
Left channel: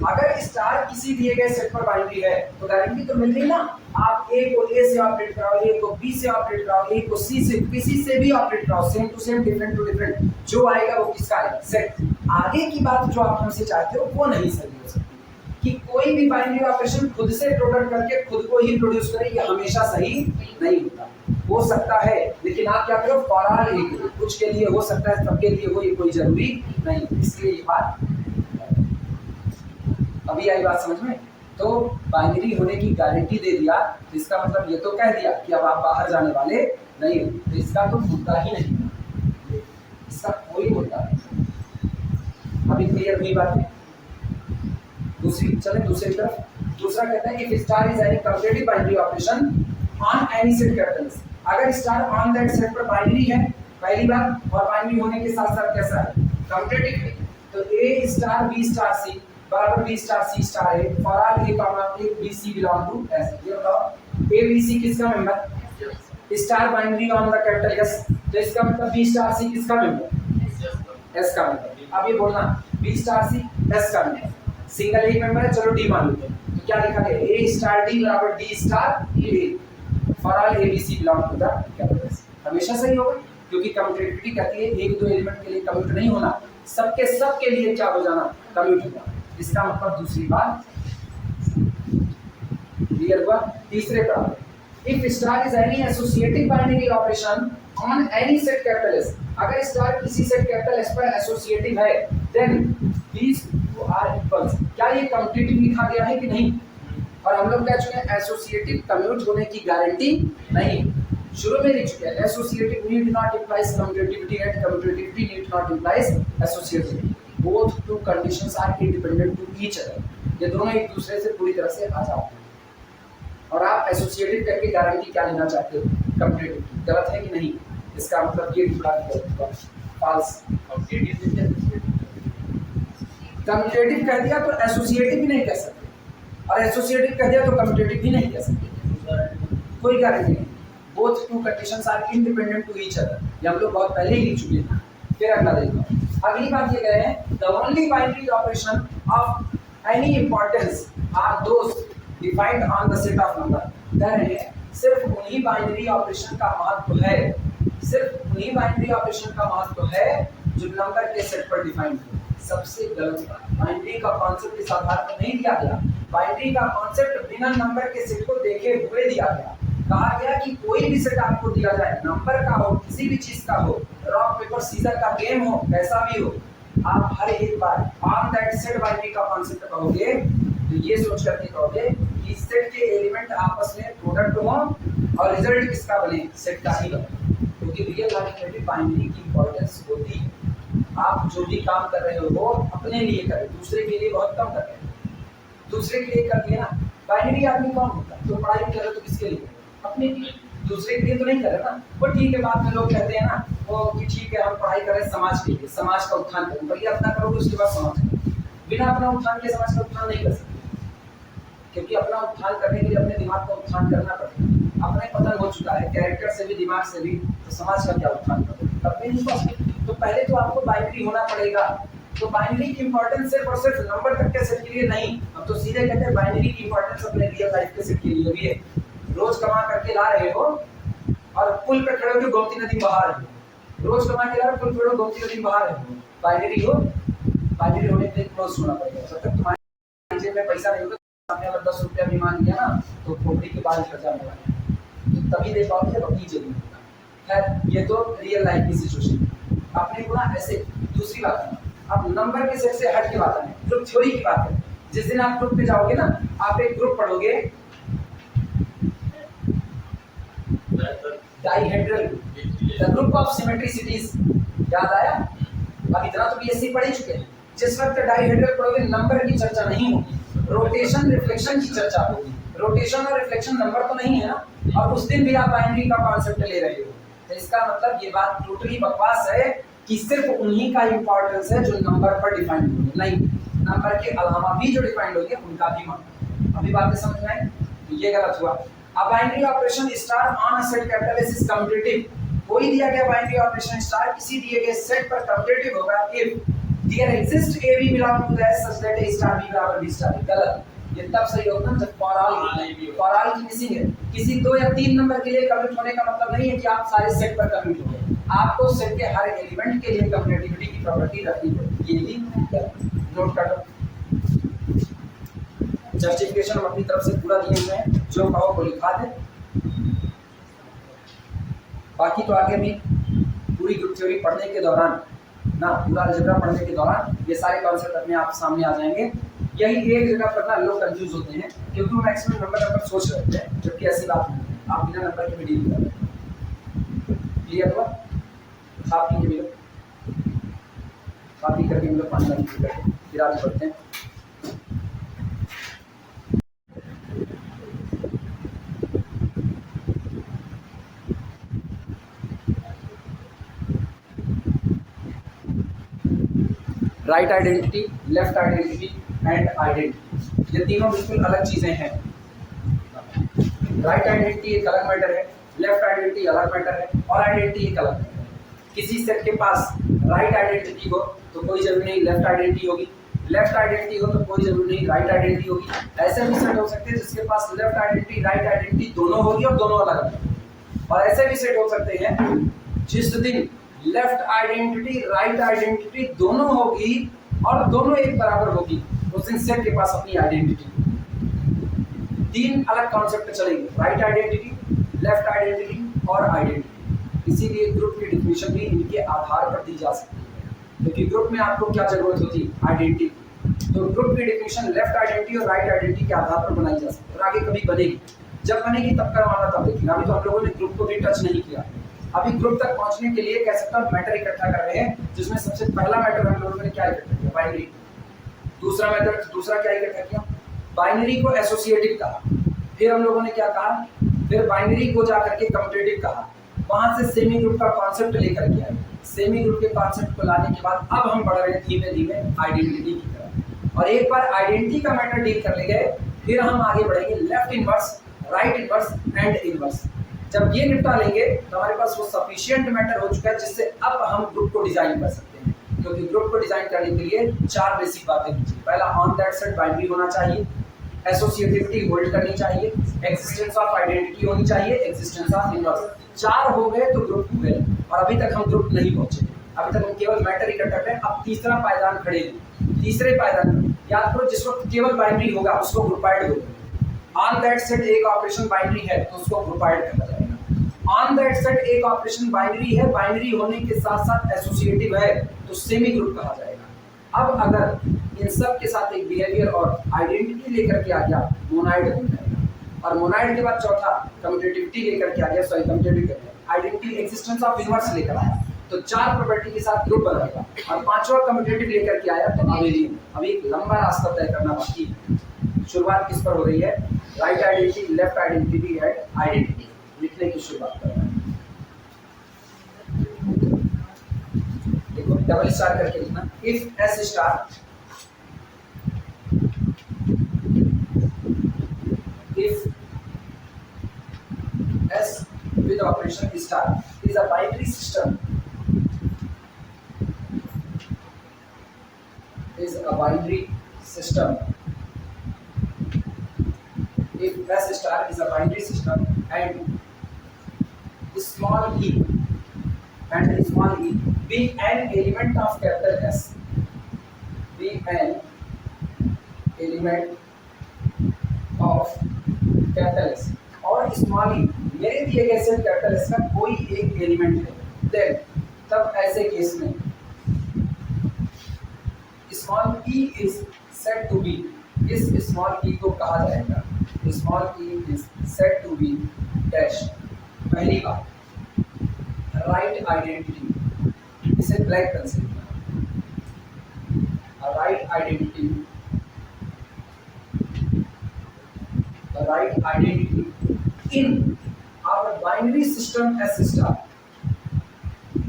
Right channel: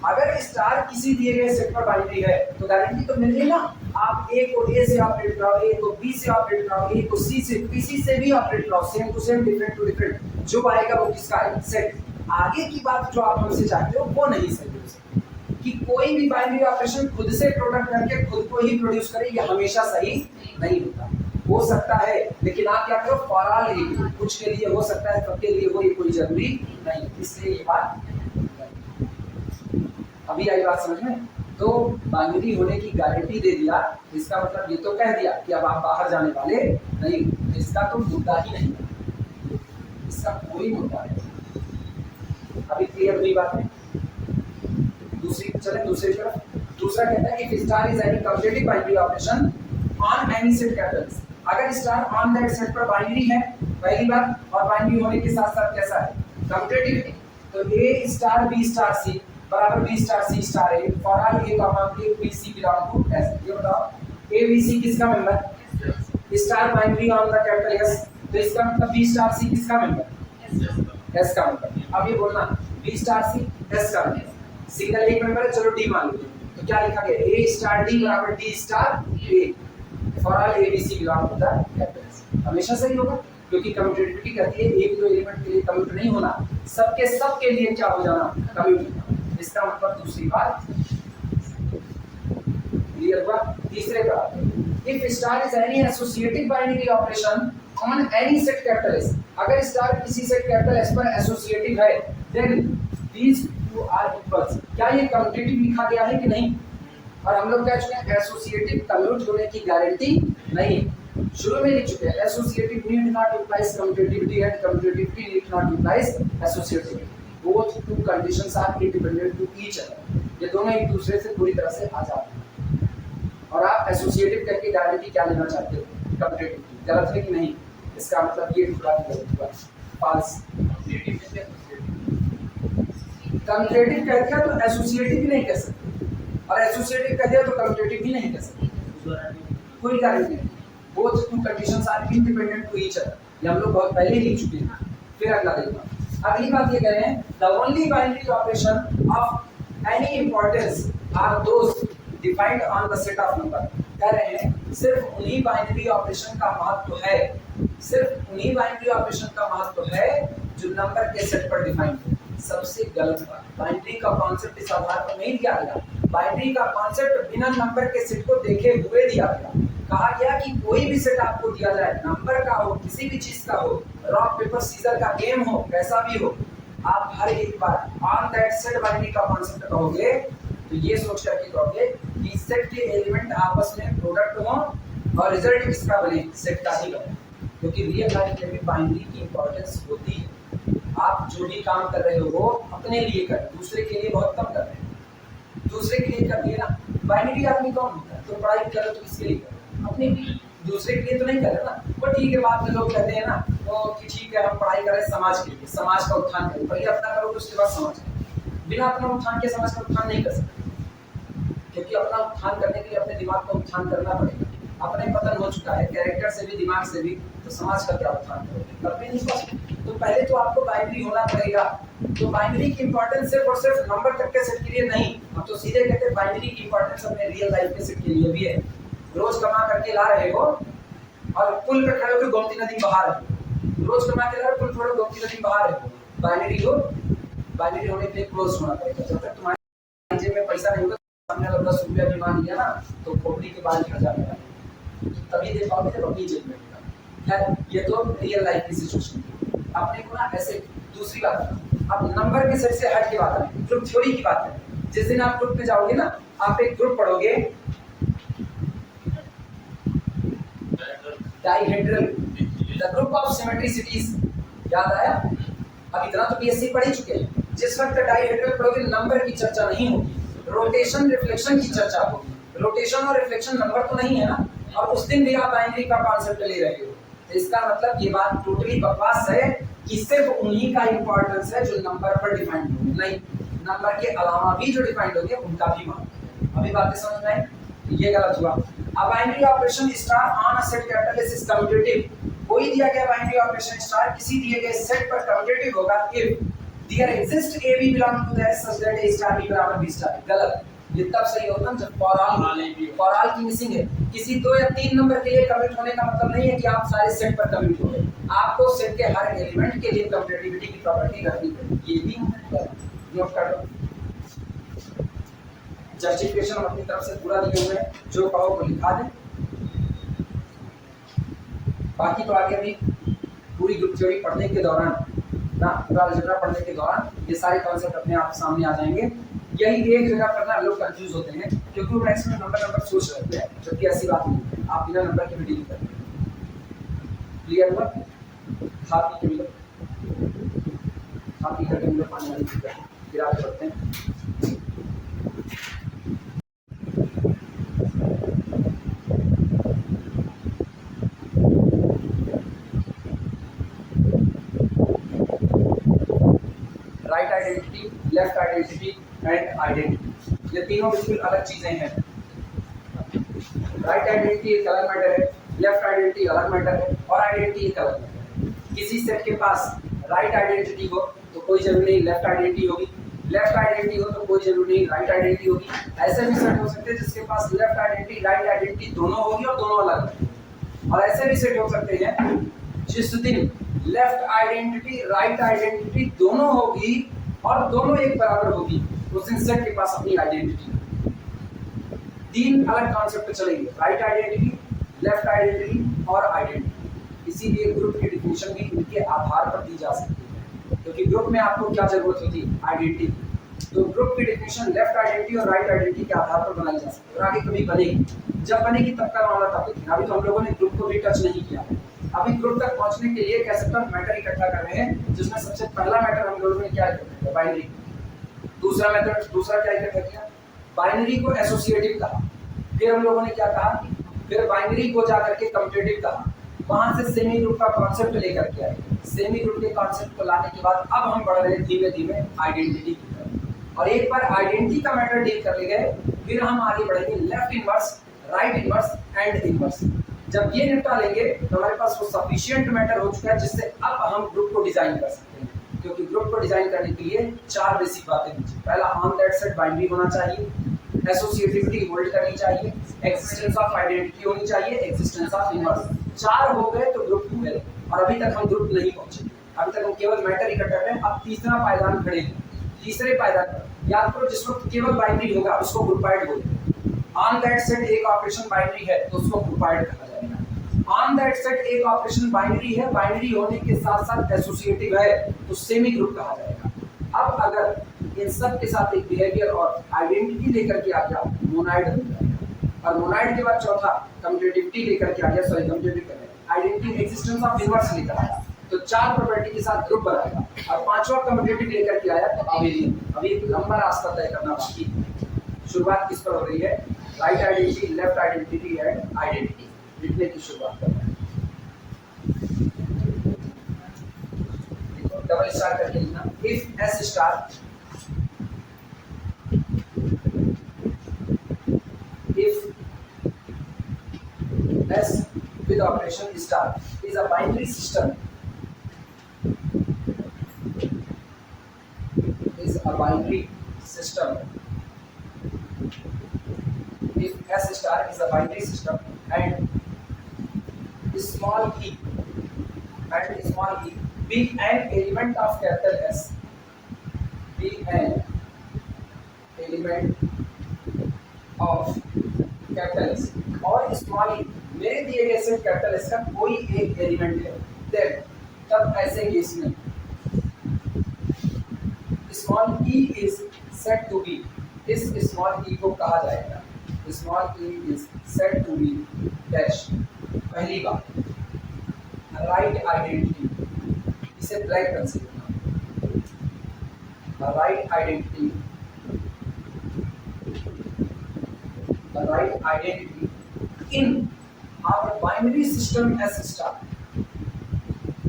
अगर स्टार किसी दिए गए सेट पर बाइनरी है तो गारंटी तो मिल रही ना, आप ए को ए से ऑपरेट कराओ, ए को बी से ऑपरेट कराओ, ए को सी से, किसी से भी ऑपरेट कराओ, same to same, different to different, जो आएगा वो किसका आएगा? सेट। आगे की बात जो आप हमसे चाहते हो वो नहीं सही हो सकती कि कोई भी बाइनरी ऑपरेशन खुद से प्रोडक्ट करके खुद को ही प्रोड्यूस करे, ये हमेशा सही नहीं होता। हो सकता है, लेकिन आप क्या करो, फॉर ऑल ए, कुछ के लिए हो सकता है, सबके लिए हो, ये कोई जरूरी नहीं, इसलिए ये बात अभी आई बात समझ में। तो बाइनरी होने की गारंटी दे दिया, इसका मतलब ये तो कह दिया कि अब आप बाहर जाने वाले नहीं हो, तो इसका तो मुद्दा ही नहीं है, इसका कोई मुद्दा नहीं। अभी क्लियर हुई बात है? दूसरी तरफ दूसरा कहता है if star is any commutative binary operation on any set capital, अगर स्टार ऑन दैट सेट पर बाइनरी है, पहली बात, और बाइनरी होने के साथ साथ कैसा है? कम्यूटेटिव। तो A star B star C बराबर B star C star A, for all A comma A B C belong to S. ये बताओ ए बी सी किसका member? Star binary on the capital S, तो इसका मतलब B star सी किसका member? S का member. अब ये बोलना बी स्टार सी एस का मेंबर, सिंगल एक मेंबर है, चलो डी मान लो, तो क्या लिखा गया? ए स्टार डी बराबर D star A, for all A B C belong to the capital S. हमेशा सही होगा, क्योंकि कम्यूटेटिविटी कहती है एक दो एलिमेंट के लिए कम्यूट नहीं होना, सबके लिए क्या हो जाना? कम्यूट होना। इसका मतलब दूसरी बात क्लियर हुआ। तीसरे पर if star is any associative binary operation on any set capital S, अगर स्टार किसी सेट कैपिटल एस पर एसोसिएटिव है, then these two are equals. क्या ये कम्यूटेटिव लिखा गया है कि नहीं? और हम लोग कह चुके हैं एसोसिएटिव कम्यूट होने की गारंटी नहीं, शुरू में लिख चुके हैं associative need not implies commutativity and commutativity need not implies associativity, both two conditions are independent to each other. ये दोनों एक दूसरे से पूरी तरह से आजाद हैं। एसोसिएटिव करके गारंटी क्या लेना चाहते हो? कम्पिटेटिव। गलत है कि नहीं? इसका मतलब ये टुकड़ा फॉल्स। कम्पिटेटिव कह दिया तो एसोसिएटिव भी नहीं कह सकते, और एसोसिएटिव कह दिया तो कम्पिटेटिव भी नहीं कह सकते। कोई गारंटी नहीं। Both two conditions are independent to each other. ये हम लोग बहुत पहले ही लिख चुके हैं। फिर अगला देखो, अगली बात ये कह रहे हैं the only binary operation of any importance are those defined on the set of number. कह रहे हैं सिर्फ उन्हीं बाइनरी ऑपरेशन का महत्व है, सिर्फ उन्हीं बाइनरी ऑपरेशन का महत्व है जो नंबर के सेट पर डिफाइंड है। सबसे गलत बात, बाइनरी का कॉन्सेप्ट इस आधार पर नहीं दिया गया। बाइनरी का कॉन्सेप्ट बिना नंबर के सेट को देखे हुए दिया गया। कहा गया कि कोई भी सेट आपको दिया जाए, नंबर का हो, किसी भी चीज का हो, रॉक पेपर सीजर का गेम हो, कैसा भी हो, आप हर एक बार ऑन दैट सेट बाइनरी का कॉन्सेप्ट कहोगे तो ये सोच करके कहोगे कि सेट के एलिमेंट आपस में प्रोडक्ट हो और रिजल्ट किसका बने? सेट का ही बने। क्योंकि रियल लाइफ में भी बाइनरी की इंपॉर्टेंस होती है। आप जो भी काम कर रहे हो वो अपने लिए करें, दूसरे के लिए बहुत कम कर रहे हैं। दूसरे के लिए कर दिए ना, बाइनरी आदमी कौन होता है? तो पढ़ाई भी कर रहे तो किसके लिए कर? अपने लिए। दूसरे के लिए तो नहीं कर रहे ना। वो ठीक है, बाद में लोग कहते हैं ना तो कि ठीक है हम पढ़ाई कर रहे हैं समाज के लिए, समाज का उत्थान करें। पहले अपना करोगे उसके बाद समाज का। बिना अपना उत्थान के समाज का उत्थान नहीं कर सकते, क्योंकि अपना उत्थान करने के लिए अपने दिमाग का उत्थान करना पड़ेगा। अपना ही पतन हो चुका है कैरेक्टर से भी, दिमाग से भी, तो समाज का क्या उत्थान करोगे? कभी नहीं पॉसिबल। तो पहले तो आपको बाइनरी होना पड़ेगा। तो बाइनरी की इंपॉर्टेंस सिर्फ और सिर्फ नंबर तक के सेट के लिए नहीं, हम तो सीधे कहते हैं बाइनरी की इंपॉर्टेंस अपने रियल लाइफ के सेट के लिए भी है। रोज कमा करके ला रहे हो और पुल पे खड़े होकर गोमती नदी बहा रहे हो, रोज कमा के ला रहे हो, पुल पे गोमती नदी बहा रहे हो, बाइनरी हो। बाइनरी होने के लिए क्लोज होना पड़ेगा। जब तक तुम्हारे जेब में पैसा नहीं होगा, सामने अगर 10 रुपया भी मान लिया ना तो खोपड़ी के बाल झड़ जाने वाले, तो तभी दे पाओगे जब अपनी जेब में होगा। खैर ये तो रियल लाइफ की सिचुएशन। अपने को ना ऐसे दूसरी बात, अब नंबर के सेट से हट के बात करें, ग्रुप थ्योरी की बात करें। जिस दिन आप ग्रुप पे जाओगे ना, आप एक ग्रुप पढ़ोगे डाइहेड्रल, द ग्रुप ऑफ सिमेट्रिसिटीज। याद आया? अब इतना तो बीएससी पढ़ ही चुके हैं। जिस वक्त डाइहेड्रल पढ़ोगे नंबर की चर्चा नहीं होगी, रोटेशन रिफ्लेक्शन की चर्चा होगी। रोटेशन और रिफ्लेक्शन नंबर तो नहीं है ना, और उस दिन भी आप बाइनरी का कॉन्सेप्ट ले रहे हो। तो इसका मतलब ये बात टोटली बकवास है कि सिर्फ उन्हीं का इंपॉर्टेंस है जो नंबर पर डिफाइंड होंगे। नहीं, नंबर के अलावा भी जो डिफाइंड होंगे उनका भी मान। अभी बातें समझ में आई? तो ये गलत हुआ। अब binary operation star on a set capital S is commutative. कोई दिया गया बाइनरी ऑपरेशन स्टार किसी दिए गए सेट पर कम्यूटेटिव होगा if there exist A B belong to that such that A star B बराबर बी स्टार। गलत। ये तब सही होता है जब फॉर ऑल की मिसिंग है। किसी 2 या 3 नंबर के लिए कम्यूट होने का मतलब नहीं है कि आप सारे सेट पर कम्यूट हो गए। आपको सेट के हर एलिमेंट के लिए कम्यूटेटिविटी की प्रॉपर्टी रखनी पड़ेगी। ये भी गलत। नोट कर लो। जस्टिफिकेशन हम अपनी तरफ से पूरा दिए हुए हैं, जो कहो को लिखा दे। बाकी तो आगे भी पूरी ग्रुप थ्योरी पढ़ने के दौरान ना, पूरा अलजेब्रा पढ़ने के दौरान ये सारे कॉन्सेप्ट अपने आप सामने आ जाएंगे। यही एक जगह पर ना लोग कंफ्यूज होते हैं, क्योंकि वो मैक्सिमम नंबर सोच रहे हैं, जबकि ऐसी बात नहीं है। आप बिना नंबर के भी डील कर रहे हैं। क्लियर हुआ? खा पी के मिलो, खा पी करके हम लोग पानी वाली पी करके फिर आगे बढ़ते हैं। Right identity, left identity and identity, ये तीनों बिल्कुल अलग चीजें हैं। राइट आइडेंटिटी एक अलग मैटर है, लेफ्ट आइडेंटिटी अलग मैटर है, और आइडेंटिटी एक अलग मैटर है। किसी सेट के पास राइट आइडेंटिटी हो तो कोई जरूरी नहीं लेफ्ट आइडेंटिटी होगी, लेफ्ट आइडेंटिटी हो तो कोई जरूरी नहीं राइट आइडेंटिटी होगी। ऐसे भी सेट हो सकते हैं जिसके पास लेफ्ट आइडेंटिटी राइट आइडेंटिटी दोनों होगी और दोनों अलग है। और ऐसे भी सेट हो सकते हैं जिस दिन लेफ्ट आइडेंटिटी राइट आइडेंटिटी दोनों होगी और दोनों एक बराबर होगी, उस दिन सेट के पास अपनी आइडेंटिटी। 3 अलग कॉन्सेप्ट चलेंगे, राइट आइडेंटिटी, लेफ्ट आइडेंटिटी और आइडेंटिटी। इसीलिए ग्रुप की डिफिनेशन भी इनके आधार पर दी जा सकती है, क्योंकि ग्रुप में आपको क्या जरूरत होती है? आइडेंटिटी। तो ग्रुप की डिफिनेशन लेफ्ट आइडेंटिटी और राइट आइडेंटिटी के आधार पर बनाई जा सकती है, और आगे कभी बनेगी। जब बनेगी तब करवाना, तब देखेंगे। अभी तो हम लोगों ने ग्रुप को भी टच नहीं किया। अभी ग्रुप तक पहुंचने के लिए कह सकता हूं मैटर इकट्ठा कर रहे हैं, जिसमें सबसे पहला मैटर हम लोगों ने क्या इकट्ठा किया? बाइनरी। दूसरा क्या इकट्ठा किया? बाइनरी को एसोसिएटिव कहा। फिर हम लोगों ने क्या कहा, फिर बाइनरी को जा करके कम्यूटेटिव कहा, वहां से सेमी ग्रुप का कॉन्सेप्ट लेकर के आए। सेमी ग्रुप के कॉन्सेप्ट को लाने के बाद अब हम बढ़ रहे हैं धीमे धीमे आइडेंटिटी की तरफ, और एक बार आइडेंटिटी का मैटर डील कर ले गए, फिर हम आगे बढ़ेंगे left inverse, right inverse and inverse. जब ये निपटा लेंगे तो हमारे पास वो सफिशिएंट मैटर हो चुका है जिससे अब हम ग्रुप को डिजाइन कर सकते हैं, क्योंकि ग्रुप को डिजाइन करने के लिए 4 बेसिक बातें होनी चाहिए। पहला, ऑन दैट सेट बाइनरी होना चाहिए, एसोसिएटिविटी होल्ड करनी चाहिए, एक्जिस्टेंस ऑफ आइडेंटिटी होनी चाहिए, एक्जिस्टेंस ऑफ इनवर्स। 4 हो गए तो ग्रुप हो गए, और अभी तक हम ग्रुप नहीं पहुंचे, अभी तक हम केवल मैटर इकट्ठा करें। अब तीसरा पायदान खड़े हैं, तीसरे पायदान में याद करो जिस वक्त केवल बाइनरी होगा उसको ग्रुपाइड बोलते हैं। ऑन दैट सेट एक ऑपरेशन बाइनरी है तो उसको ग्रुपाइड कहा जाएगा। ऑन दैट सेट एक ऑपरेशन बाइनरी है, बाइनरी होने के साथ साथ एसोसिएटिव है तो सेमी ग्रुप कहा जाएगा। अब अगर इन सब के साथ एक बिहेवियर और आइडेंटिटी लेकर के आ गया, मोनाइड बन जाएगा। और मोनाइड के बाद चौथा कम्यूटेटिविटी लेकर के आ गया, सॉरी कम्यूटेटिव कर गया, आइडेंटिटी एक्जिस्टेंस ऑफ इनवर्स लेकर आया तो 4 प्रॉपर्टी के साथ ग्रुप बनाएगा, और 5वां कम्यूटेटिव लेकर के आया तो अभी लंबा रास्ता तय करना बाकी है। शुरुआत किस पर हो रही है, right identity, left identity and identity लिखने की शुरुआत कर रहे हैं। देखो डबल स्टार करके लिखना, if S star if S with operation star is a binary system, if S star is a binary system and small e be an element of capital S, be an element of capital S और small ई मेरे दिए गए set capital S का कोई एक element है, then तब ऐसे केस में small E is said to be, इस स्मॉल ई को कहा जाएगा, small E is said to be dash. पहली बात राइट आइडेंटिटी, इसे ब्लैक कंसीडर करना, right identity, right identity in our binary system S star।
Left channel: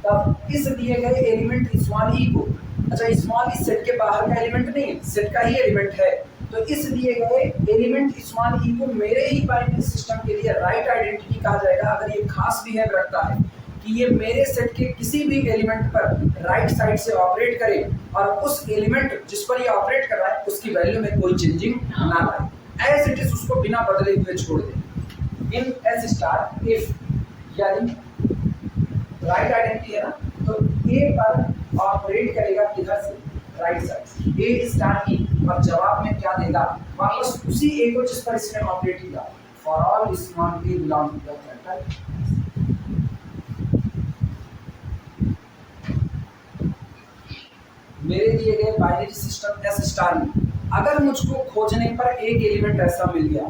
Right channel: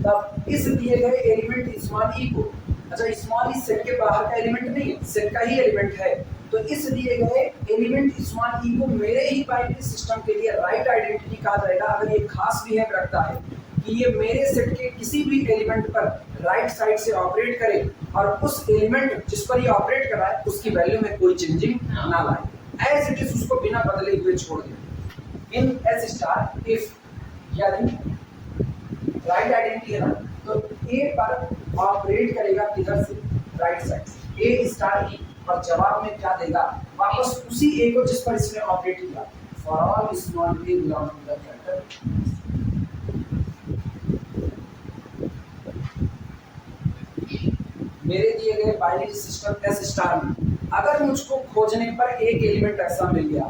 तब इस दिए गए एलिमेंट स्मॉल ई को, अच्छा स्मॉल ई सेट के बाहर का एलिमेंट नहीं है, सेट का ही एलिमेंट है, तो इस दिए गए एलिमेंट स्मॉल ई को मेरे ही बाइनरी सिस्टम के लिए राइट आइडेंटिटी कहा जाएगा। अगर ये खास बिहेव रखता है कि ये मेरे सेट के किसी भी एलिमेंट पर राइट साइड से ऑपरेट करे और उस एलिमेंट जिस पर ये ऑपरेट कर रहा है उसकी वैल्यू में कोई चेंजिंग ना लाए, एज इट इज उसको बिना बदले हुए छोड़ दे। इन एस स्टार इफ यानी राइट आइडेंटिटी है ना, तो ए पर ऑपरेट करेगा किधर से, राइट साइड से, ए स्टार ई, और जवाब में क्या देगा, वापस उसी ए को जिस पर इसने ऑपरेट किया। For all small A belong to the factor. मेरे दिए गए बाइनरी सिस्टम एस स्टार में अगर मुझको खोजने पर एक एलिमेंट ऐसा मिल गया,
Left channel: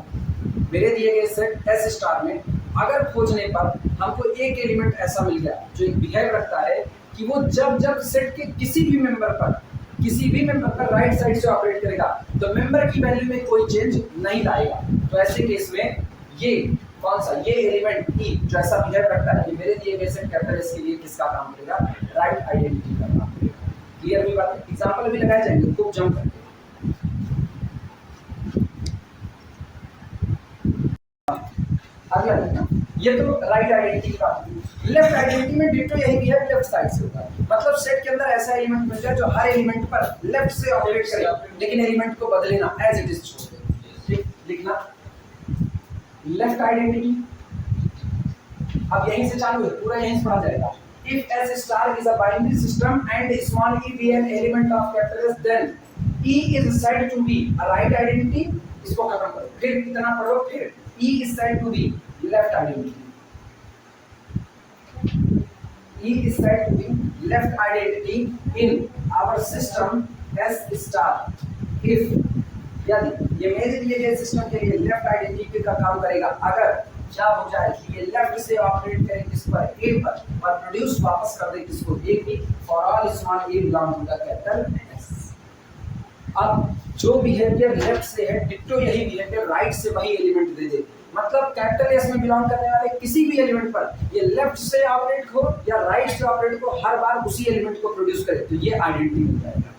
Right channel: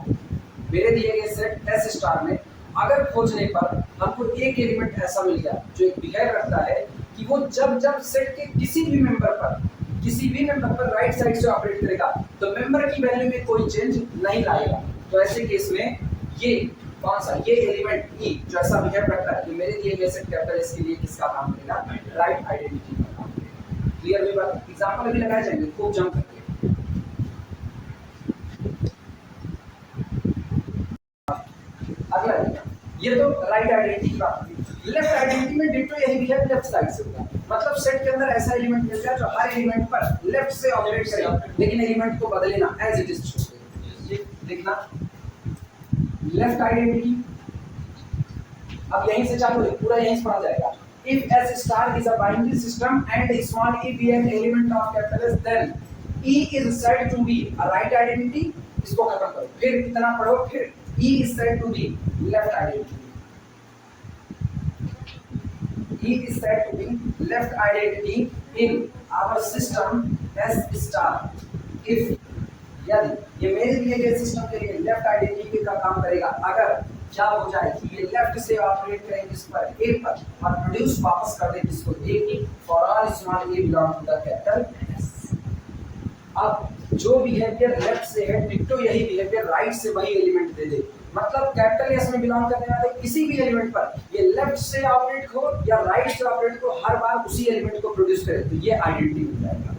मेरे दिए गए सेट एस स्टार में अगर खोजने पर हमको एक एलिमेंट ऐसा मिल गया जो एक बिहेव रखता है कि वो जब जब सेट के किसी भी मेंबर पर राइट साइड से ऑपरेट करेगा तो मेंबर की वैल्यू में कोई चेंज नहीं लाएगा, तो ऐसे केस में ये कौन सा, ये एलिमेंट ई जो ऐसा बिहेव रखता है कि मेरे दिए गए सेट कैपिटल एस के लिए किसका काम करेगा, राइट आइडेंटिटी का काम करेगा। क्लियर हुई बात? एग्जांपल भी लगाए जाएंगे खूब जम करके। अगला देखना, ये तो राइट आइडेंटिटी की बात हुई। लेफ्ट आइडेंटिटी में डिट्टो यही भी है, लेफ्ट साइड से होता है, मतलब सेट के अंदर ऐसा एलिमेंट मिल जाए जो हर एलिमेंट पर लेफ्ट से ऑपरेट करे लेकिन एलिमेंट को बदले ना, एज इट इज छोड़ दे। ठीक लिखना, लेफ्ट आइडेंटिटी अब यहीं से चालू है, पूरा यहीं से पढ़ा जाएगा। If S star is a binary system and small E be an element of capital S, then E is said to be a right identity. इसको खत्म करो, फिर इतना पढ़ो, फिर E is said to be left identity. E is said to be left identity in our system S star if यदि ये मेरे दिए गए सिस्टम के लिए लेफ्ट आइडेंटिटी का काम करेगा अगर क्या हो जाए कि ये लेफ्ट से ऑपरेट करे किस पर, ए पर, और प्रोड्यूस वापस कर दे किसको, ए की। For all small A belong to the capital S. अब जो बिहेवियर लेफ्ट से है डिट्टो यही बिहेवियर राइट से वही एलिमेंट दे दे, मतलब कैपिटल एस में बिलोंग करने वाले किसी भी एलिमेंट पर ये लेफ्ट से ऑपरेट हो या राइट से ऑपरेट हो, हर बार उसी एलिमेंट को प्रोड्यूस करे, तो ये आइडेंटिटी बन जाएगा।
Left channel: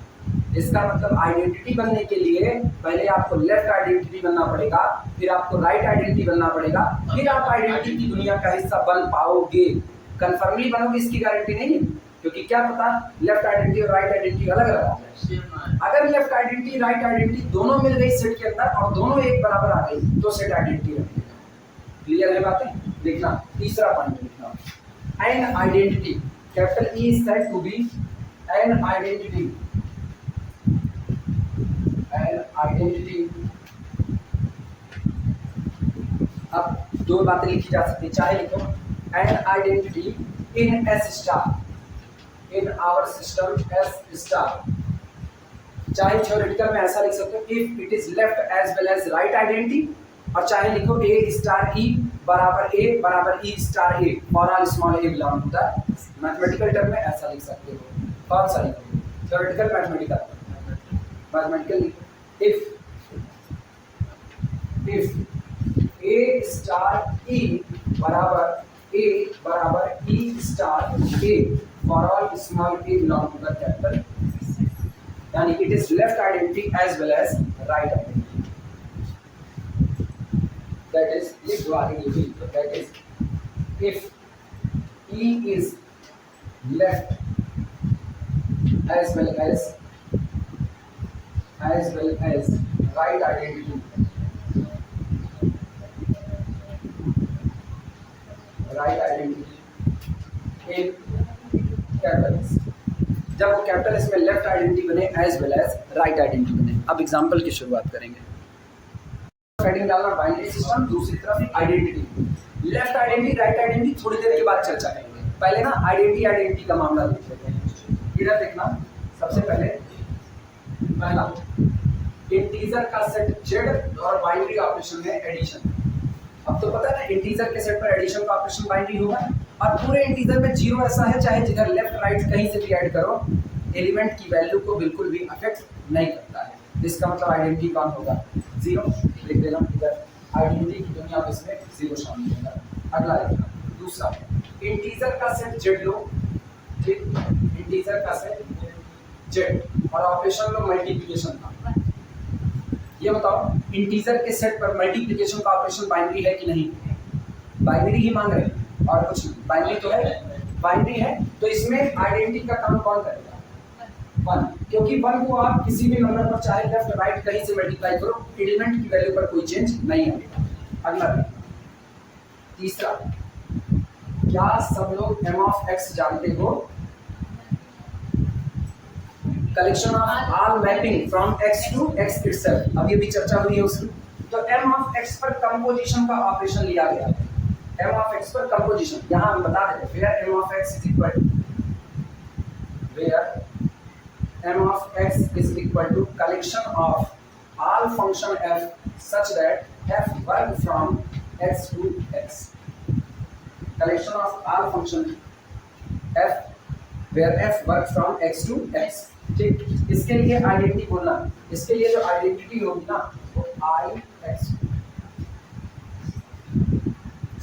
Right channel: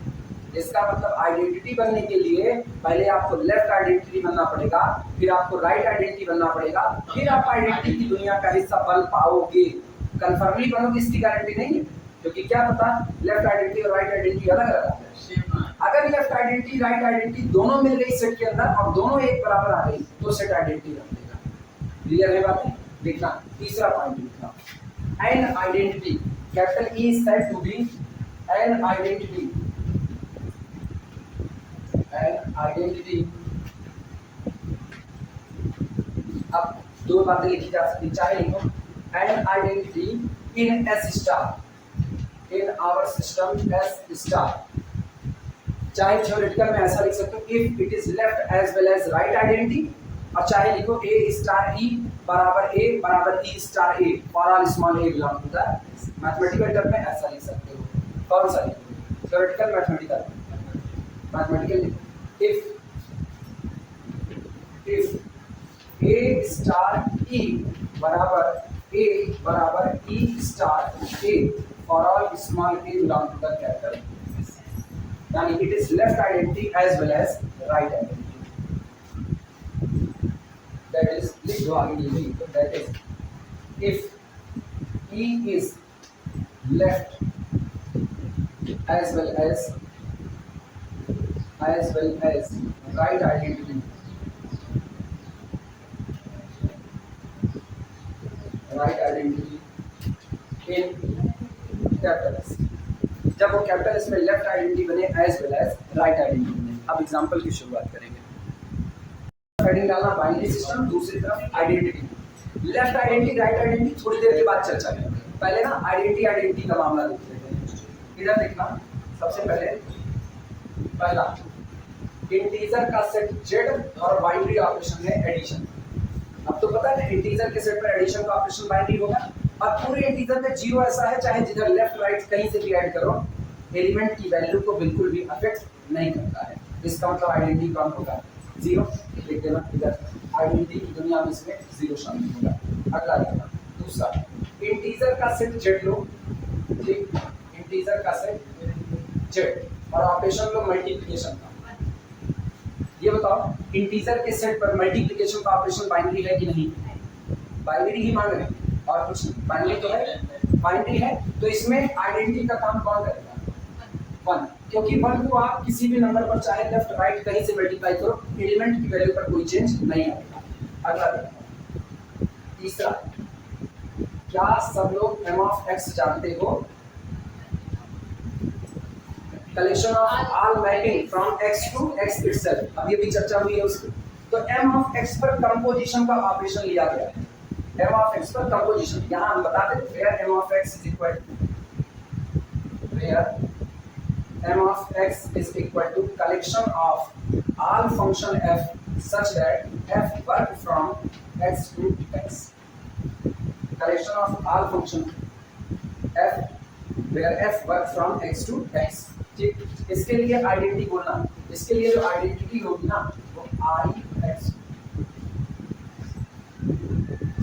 इसका मतलब आइडेंटिटी बनने के लिए पहले आपको लेफ्ट आइडेंटिटी बनना पड़ेगा, फिर आपको राइट आइडेंटिटी बनना पड़ेगा, फिर आप आइडेंटिटी की दुनिया का हिस्सा बन पाओगे। कन्फर्मली बनोगे इसकी गारंटी नहीं है, क्योंकि क्या पता लेफ्ट आइडेंटिटी और राइट आइडेंटिटी अलग अलग हो। अगर लेफ्ट आइडेंटिटी राइट आइडेंटिटी दोनों मिल गई सेट के अंदर और दोनों एक बराबर आ गई तो सेट आइडेंटिटी बन जाएगा। क्लियर है बातें? देखना तीसरा पॉइंट लिखना, an identity, capital E is said to be an identity, an identity. अब दो बातें लिखी जा सकती, चाहे लिखो an identity in S star, in our system S star, चाहे थ्योरेटिकल में ऐसा लिख सकते हो if it is left as well as right identity, और चाहे लिखो ए स्टार ई बराबर e star A for all small A belong to the. Mathematical term में ऐसा लिख सकते हो, कौन सा लिखोगे? Theoretical mathematical? Mathematical if a star e बराबर e star A for all small A belong to the capital, यानी it is left identity as well as right identity. That is लिख दो आगे ये भी, तो that is if e is left as well as right identity, right identity in capital S, जब वो capital S में लेफ्ट आइडेंटिटी बने as well as right identity बने। अब एग्जांपल की शुरुआत करेंगे। हेडिंग डालना बाइनरी सिस्टम, दूसरी तरफ identity. Left identity right identity थोड़ी देर के बाद चर्चा करेंगे, पहले ना आइडेंटिटी का मामला देख लेते हैं। इधर देखना, सबसे पहले पहला इंटीजर का सेट जेड और बाइनरी ऑपरेशन है एडिशन। अब तो पता है ना इंटीजर के सेट पर एडिशन का ऑपरेशन बाइनरी होगा, और पूरे इंटीजर में जीरो ऐसा है चाहे जिधर लेफ्ट राइट कहीं से भी ऐड करो एलिमेंट की वैल्यू को बिल्कुल भी अफेक्ट नहीं करता है। इसका मतलब आइडेंटिटी कौन होगा? जीरो। लिख देना इधर, आइडेंटिटी की दुनिया में इसमें जीरो शामिल होगा। अगला लिखना, दूसरा इंटीजर का सेट जेड लो, ठीक, इंटीजर का सेट जेड और ऑपरेशन लो मल्टीप्लिकेशन का। ये बताओ इंटीजर के सेट पर मल्टीप्लिकेशन का ऑपरेशन बाइनरी है कि नहीं? बाइनरी ही मांग रहे हैं और कुछ नहीं, बाइनरी तो है, बाइनरी है तो इसमें आइडेंटिटी का काम कौन करेगा? वन, क्योंकि वन को आप किसी भी नंबर पर चाहे लेफ्ट राइट कहीं से मल्टीप्लाई करो एलिमेंट की वैल्यू पर कोई चेंज नहीं आएगा। अगला देखना, तीसरा, क्या सब लोग m ऑफ x जानते हो? Collection of all mapping from x to x itself, अभी भी चर्चा हुई है उसकी। तो m ऑफ x पर कंपोजिशन का ऑपरेशन लिया गया है, m ऑफ x पर कंपोजिशन। यहां हम बता देते हैं where m of x is equal to, where m of x is equal to collection of all function f such that f work from x to x, collection of all function f where f work from x to x। ठीक, इसके लिए identity बोलना, इसके लिए जो identity होगी ना वो i x।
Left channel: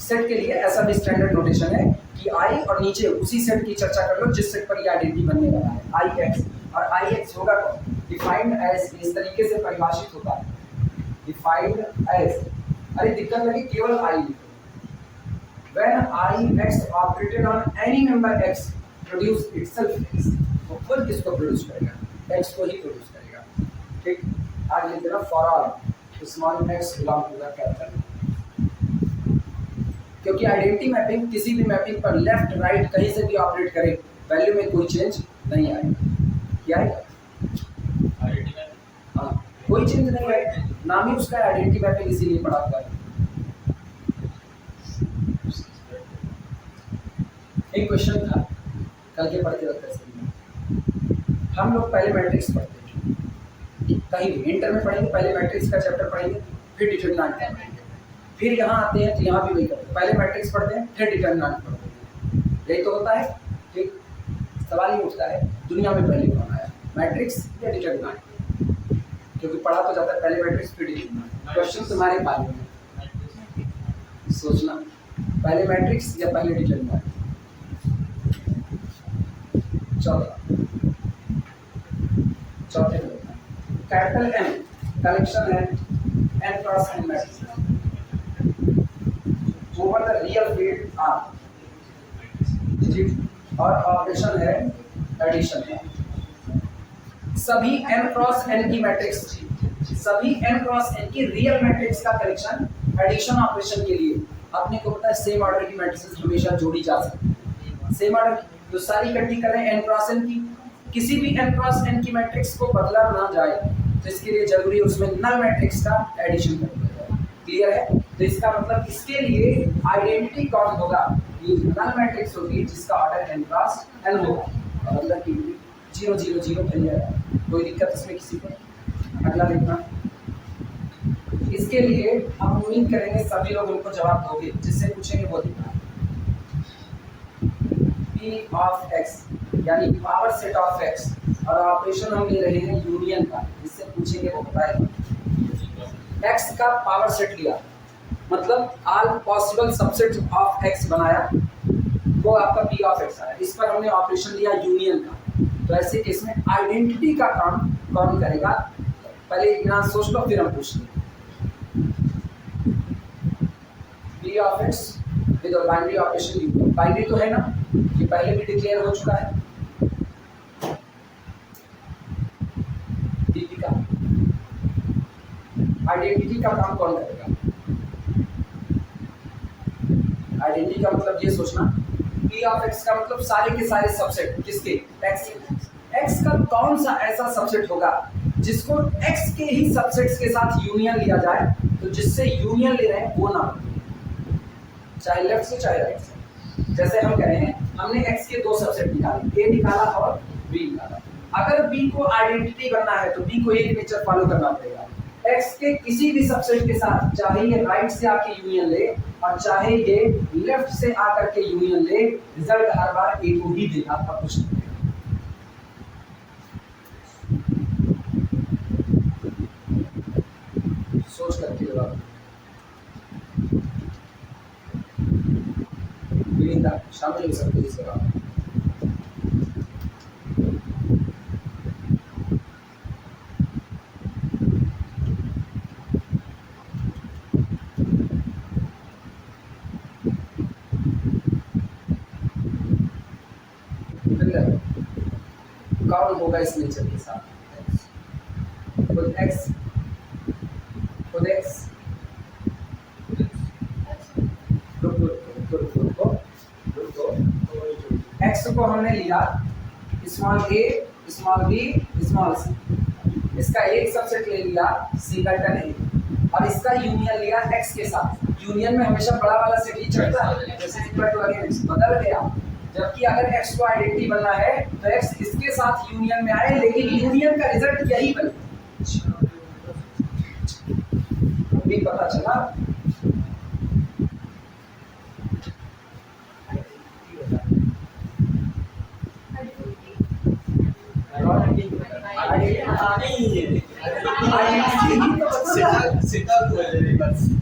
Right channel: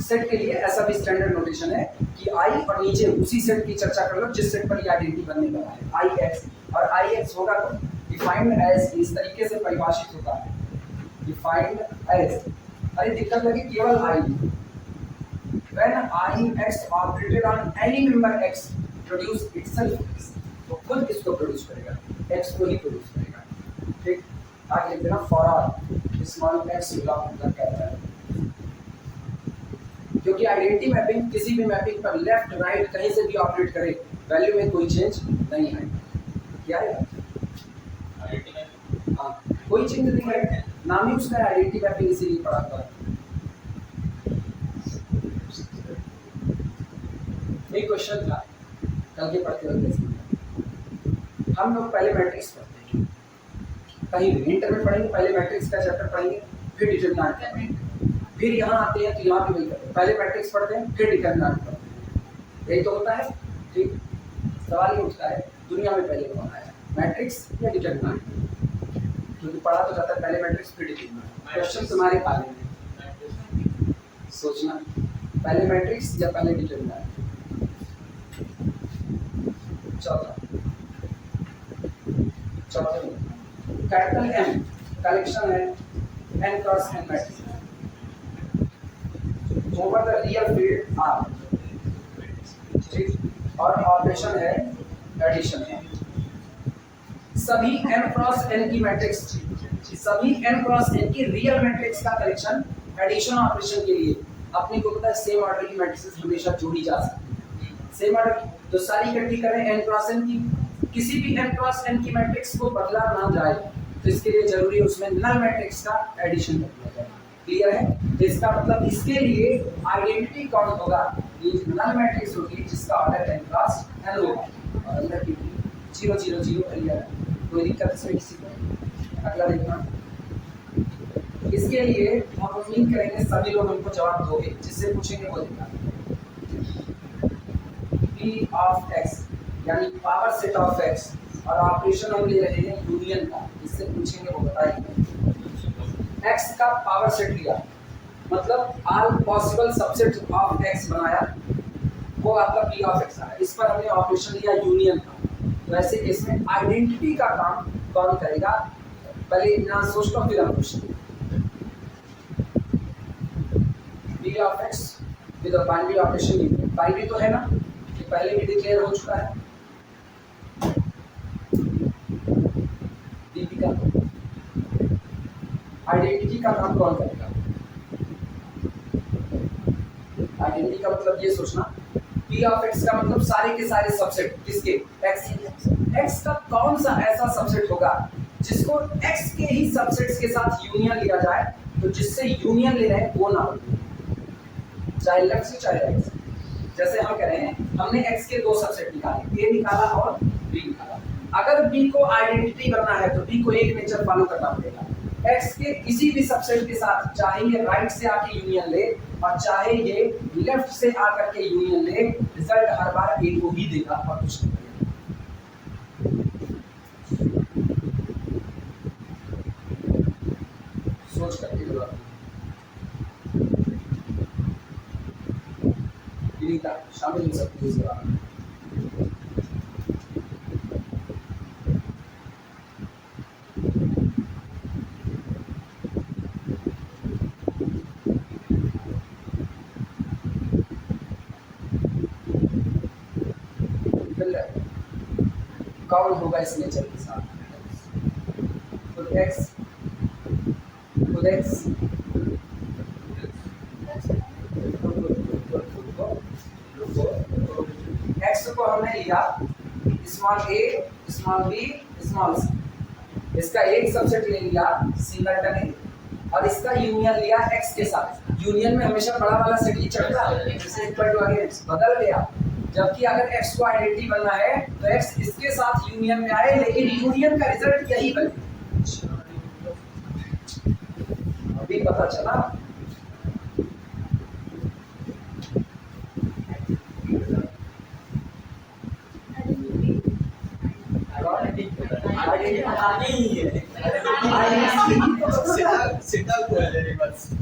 सेट के लिए ऐसा भी स्टैंडर्ड नोटेशन है कि i और नीचे उसी सेट की चर्चा कर लो जिस सेट पर ये आइडेंटिटी बनने वाला है, i x। और ix होगा तो डिफाइंड एज, इस तरीके से परिभाषित होता है, डिफाइंड एज, अरे दिक्कत लगी केवल i, when i x operated on any member x produce itself x, तो खुद किसको प्रोड्यूस करेगा? x को ही प्रोड्यूस करेगा। ठीक, आगे लिख देना for all small x belong to the capital, क्योंकि आइडेंटिटी मैपिंग किसी भी मैपिंग पर लेफ्ट राइट कहीं से भी ऑपरेट करे वैल्यू में कोई चेंज नहीं आएगा। क्या है? आइडेंटिटी मैपिंग, हाँ, कोई चेंज नहीं है, नाम ही उसका आइडेंटिटी मैपिंग इसीलिए पढ़ा हुआ है। एक क्वेश्चन था कल के पढ़ते वक्त, हम लोग पहले मैट्रिक्स पढ़ते हैं, कहीं भी इंटर में पढ़ेंगे, पहले मैट्रिक्स का चैप्टर पढ़ेंगे फिर डिटरमिनेंट पढ़ेंगे, फिर यहाँ आते हैं तो यहाँ भी वही करते हैं, पहले मैट्रिक्स पढ़ते हैं फिर डिटरमिनेंट पढ़ते हैं, यही तो होता है। ठीक, सवाल ये उठता है दुनिया में पहले कौन आया, मैट्रिक्स या डिटरमिनेंट? क्योंकि पढ़ा तो जाता है पहले मैट्रिक्स फिर डिटरमिनेंट। क्वेश्चन तुम्हारे पाले में सोचना, पहले मैट्रिक्स या पहले डिटरमिनर। चौथे में कैपिटल एम कलेक्शन है n cross n matrix over the real field R, ठीक, और ऑपरेशन है एडिशन का। सभी n क्रॉस n की मैट्रिक्स, सभी n क्रॉस n की रियल मैट्रिक्स का कलेक्शन एडिशन ऑपरेशन के लिए अपने को पता है सेम ऑर्डर की मैट्रिसेस हमेशा जोड़ी जा सकती है। सेम ऑर्डर की तो सारी इकट्ठी करें n क्रॉस n की, किसी भी n क्रॉस n की मैट्रिक्स को बदला ना जाए तो इसके लिए जरूरी है उसमें नल मैट्रिक्स का एडिशन करना जाए। क्लियर है? तो इसका मतलब इसके लिए आइडेंटिटी कौन होगा, ये नल मैट्रिक्स होगी जिसका ऑर्डर n क्रॉस n होगा और अंदर की 0 0 0 भर जाएगा। कोई दिक्कत इसमें किसी को? अगला देखना, इसके लिए हम उम्मीद करेंगे सभी लोग उनको जवाब दोगे, जिससे पूछेंगे वो दिखा p ऑफ x यानी पावर सेट ऑफ x और ऑपरेशन हम ले रहे हैं यूनियन का, जिससे पूछेंगे वो बताएंगे। x का पावर सेट लिया मतलब all possible subset of x बनाया, वो आपका p ऑफ x आया। इस पर हमने ऑपरेशन लिया यूनियन का। तो ऐसे केस में आइडेंटिटी का काम कौन करेगा, पहले यहाँ सोच लो फिर हम पूछेंगे। p of x with binary operation union, binary तो है ना, ये पहले भी डिक्लेयर हो चुका है। dp का आइडेंटिटी का काम कौन करेगा, आइडेंटिटी का मतलब ये सोचना p ऑफ x का मतलब सारे के सारे सबसेट किसके, x का कौन सा ऐसा सबसेट होगा जिसको x के ही सबसेट्स के साथ यूनियन लिया जाए, तो जिससे यूनियन ले रहे हैं वो ना हो, चाहे लेफ्ट से चाहे राइट से। जैसे हम कह रहे हैं हमने x के दो सबसेट निकाले, a निकाला और b निकाला। अगर b को आइडेंटिटी बनना है तो b को एक नेचर फॉलो करना पड़ेगा, x के किसी भी सबसेट के साथ, चाहे ये राइट से आके यूनियन ले और चाहे ये लेफ्ट से आकर के यूनियन ले, रिजल्ट हर बार a को ही देगा और कुछ नहीं। सोच करके जवाब विनीता शामिल हो सकते इस जवाब में। कौन होगा इस नेचर के साथ, खुद x x को हमने लिया small a small b small c, इसका एक सबसेट ले लिया सिंगलटन a और इसका यूनियन लिया x के साथ। यूनियन में हमेशा बड़ा वाला सेट ही चढ़ता है, जैसे इक्वल टू अगेंस्ट बदल गया, जबकि अगर x को आइडेंटिटी बनना है तो x इसके साथ यूनियन में आए, लेकिन यूनियन का रिजल्ट यही बने। अभी पता चला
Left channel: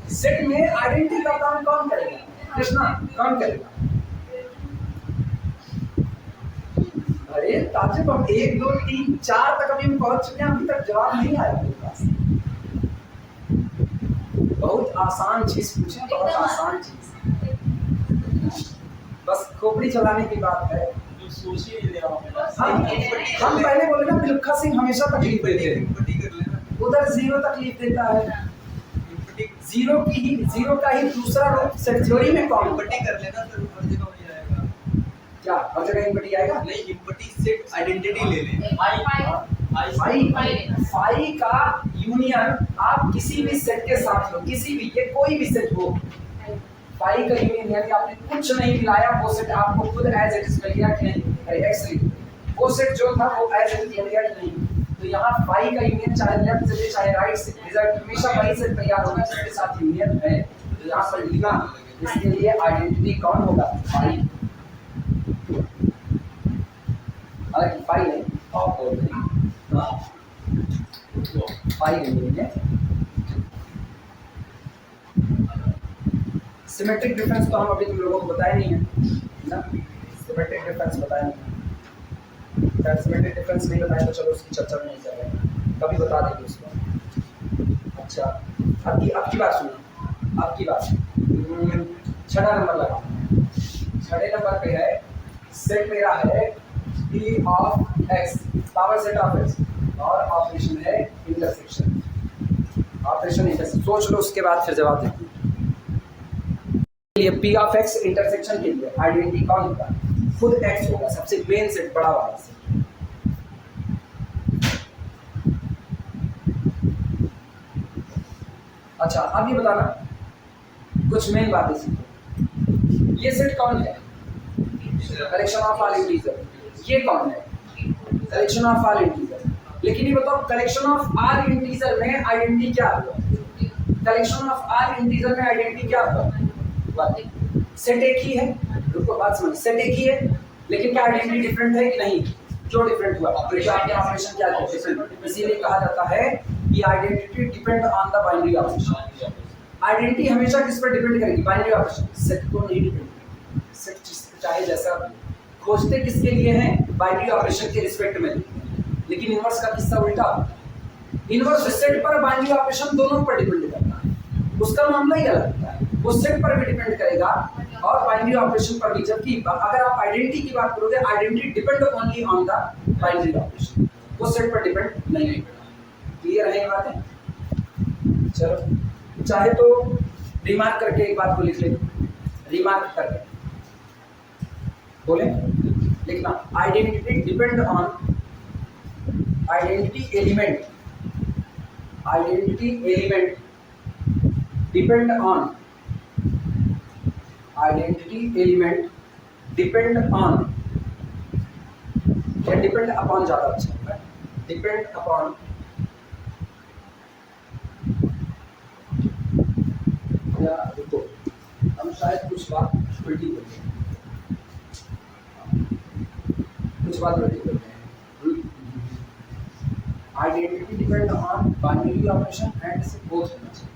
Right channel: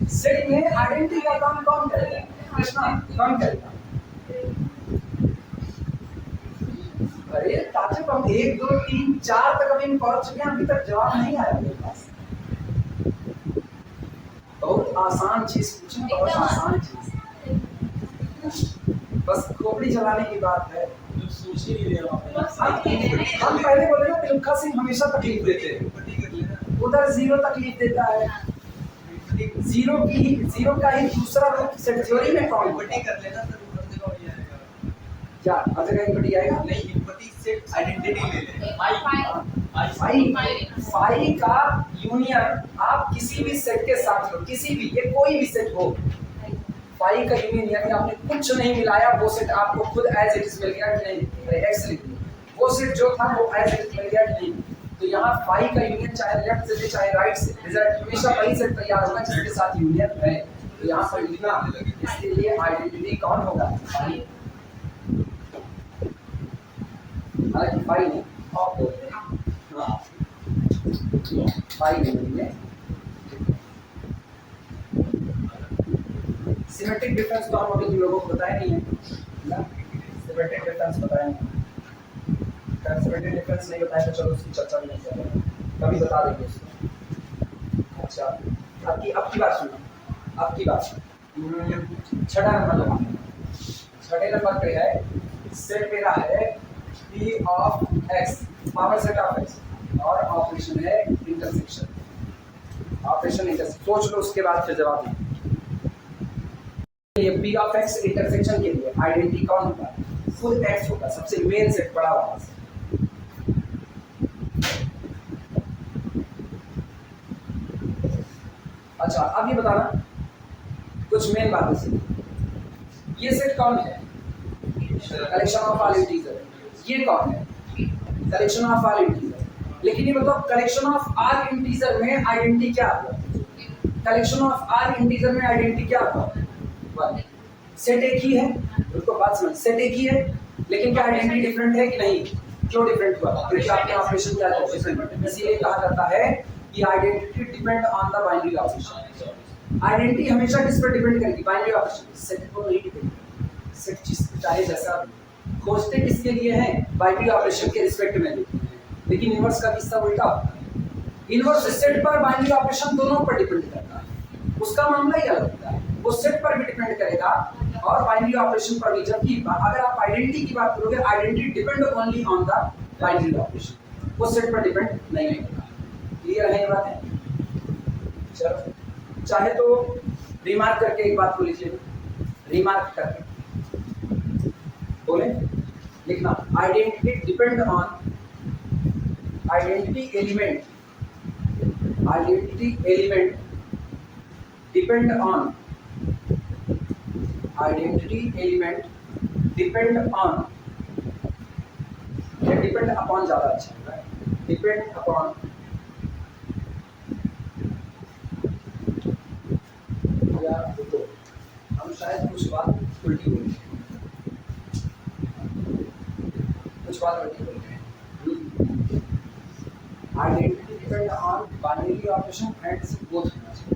सेट में आइडेंटिटी का काम कौन करेगा, कृष्णा कौन करेगा? अरे ताजुब, हम 1 2 3 4 तक अभी हम पहुंच चुके हैं, अभी तक जवाब नहीं आया मेरे पास। बहुत आसान चीज पूछे, बहुत आसान चीज, बस खोपड़ी चलाने की बात है। सोच ही नहीं रहे हम पहले बोले ना मिल्खा सिंह हमेशा तकलीफ देते हैं, उधर जीरो तकलीफ देता है। जीरो का ही दूसरा रूप सेट थ्योरी में कौन इम्पटी कर लेना तो हर जगह वही आएगा। क्या हर जगह इम्पटी आएगा? नहीं, इम्पटी सेट आइडेंटिटी ले लें। फाई का यूनियन आप किसी भी सेट के साथ लो, किसी भी, ये कोई भी सेट हो, फाई का यूनियन यानी आपने कुछ नहीं मिलाया, वो सेट आपको खुद एज इट इज मिल गया कि नहीं? अरे एक्स लिख, वो सेट जो था वो एज इट इज मिल गया कि नहीं? तो यहाँ फाई का यूनियन चाहे लेफ्ट से चाहे राइट से, रिजल्ट हमेशा वही सेट तैयार होगा जिसके साथ यूनियन है। तो यहाँ पर लिखना, इसके लिए आइडेंटिटी कौन होगा? फाई। हालांकि फाई नहीं, आप बोलते हैं फाई नहीं बोलेंगे। सिमेट्रिक डिफरेंस तो हम अभी तुम लोगों को बताया नहीं है ना, सिमेट्रिक डिफरेंस बताया नहीं। अगर सिमेट्रिक डिफरेंस नहीं बताया तो चलो उसकी चर्चा नहीं कर रहे, कभी बता देंगे उसको। अच्छा अब की बात सुनो, अब की बात 6वां नंबर लगा। 6वें नंबर पे है सेट मेरा है p of x, power set of x, और ऑपरेशन है इंटरसेक्शन, ऑपरेशन इंटरसेक्शन। सोच लो उसके बाद फिर जवाब दें। ये p ऑफ x इंटरसेक्शन के लिए आइडेंटिटी कौन होता है? खुद x होगा, सबसे मेन सेट बड़ा वाला से। अच्छा अब ये बताना कुछ मेन बातें सीखो। ये सेट कौन है? Collection of all integer. ये कौन है? Collection of all integer. लेकिन ये बताओ कलेक्शन ऑफ ऑल इंटीजर में आइडेंटिटी क्या होगा? कलेक्शन ऑफ ऑल इंटीजर में आइडेंटिटी क्या होगा? सेट एक ही है, रुको बात समझ, सेट एक ही है लेकिन क्या आइडेंटिटी डिफरेंट है कि नहीं? क्यों डिफरेंट हुआ? क्योंकि आपके ऑपरेशन क्या है? डिफरेंट। इसीलिए कहा जाता है कि identity depend on the binary operation. Identity हमेशा किस पर डिपेंड करेगी? Binary operation. सेट को नहीं डिपेंड करेगी। सेट चाहे जैसा खोजते किसके लिए हैं? बाइनरी ऑपरेशन के रिस्पेक्ट में। लेकिन इनवर्स का किस्सा उल्टा होता है। इनवर्स सेट पर बाइनरी ऑपरेशन दोनों पर डिपेंड करता है, उसका मामला ही अलग होता है। वो सेट पर भी डिपेंड करेगा और बाइनरी ऑपरेशन पर भी। जबकि अगर आप आइडेंटिटी की बात करोगे, identity depend only on the binary operation, वो सेट पर डिपेंड नहीं करता। क्लियर है ये बातें? चलो चाहे तो रिमार्क करके एक बात को लिख ले, रिमार्क करके बोले लिखना, identity depend on, identity element, identity element depend on, identity element depend on, या डिपेंड अपॉन ज्यादा अच्छा होगा, डिपेंड अपॉन या रुको, हम शायद कुछ बात उल्टी बोल रहे हैं, कुछ बात उल्टी बोल रहे हैं। Identity depend on binary operation and both होना चाहिए।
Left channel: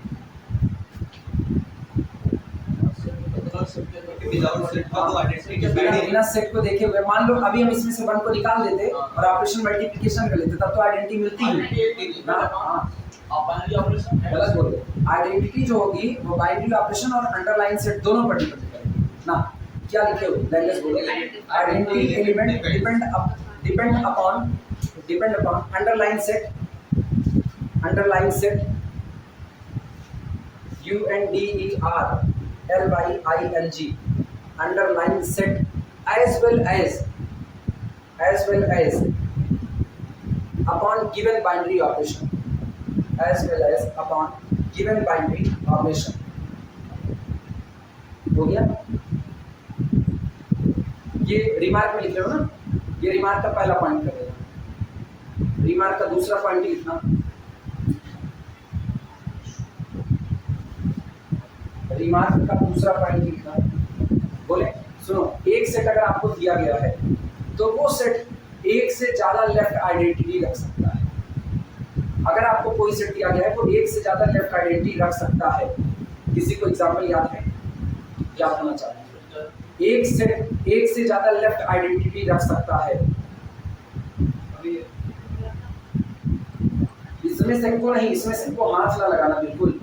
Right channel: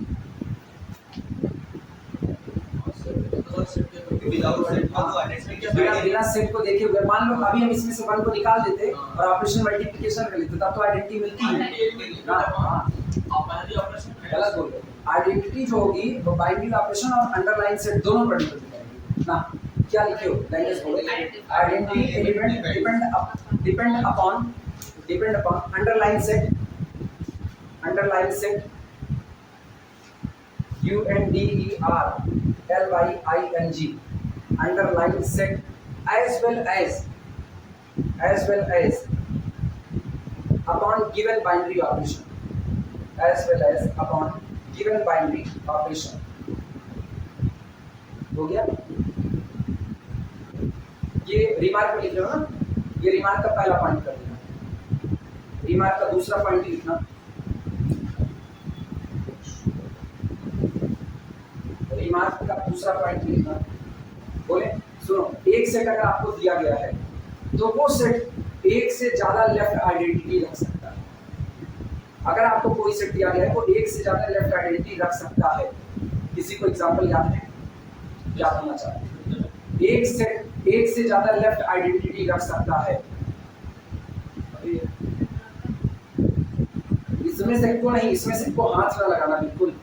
बिना सेट को देखे हुए मान लो अभी हम इसमें से 1 को निकाल देते और ऑपरेशन मल्टीप्लिकेशन कर लेते, तब तो आइडेंटिटी मिलती ही ना। बाइनरी ऑपरेशन गलत बोल रहे। आइडेंटिटी जो होगी वो बाइनरी ऑपरेशन और अंडरलाइन सेट दोनों पर डिपेंड करेगी ना। क्या लिखे हो? लैंग्वेज बोलो, identity element depend upon underline set, underline set UNDERLYING, underline set as well as upon given binary operation, as well as upon given binary operation। हो गया? ये रिमार्क में लिख रहे हो ना, ये रिमार्क का पहला पॉइंट कर देना, रिमार्क का दूसरा पॉइंट लिखना, रिमार्क का दूसरा पॉइंट लिखना। बोले सुनो, एक सेट अगर आपको दिया गया है तो वो सेट एक से ज्यादा लेफ्ट आइडेंटिटी रख सकता है। अगर आपको कोई सेट दिया गया है वो एक से ज्यादा लेफ्ट आइडेंटिटी रख सकता है। किसी को एग्जांपल याद है? याद होना चाहिए। एक सेट एक से ज्यादा लेफ्ट आइडेंटिटी रख सकता है। अभी इसमें से को नहीं, इसमें से को हाथ ना लगाना बिल्कुल।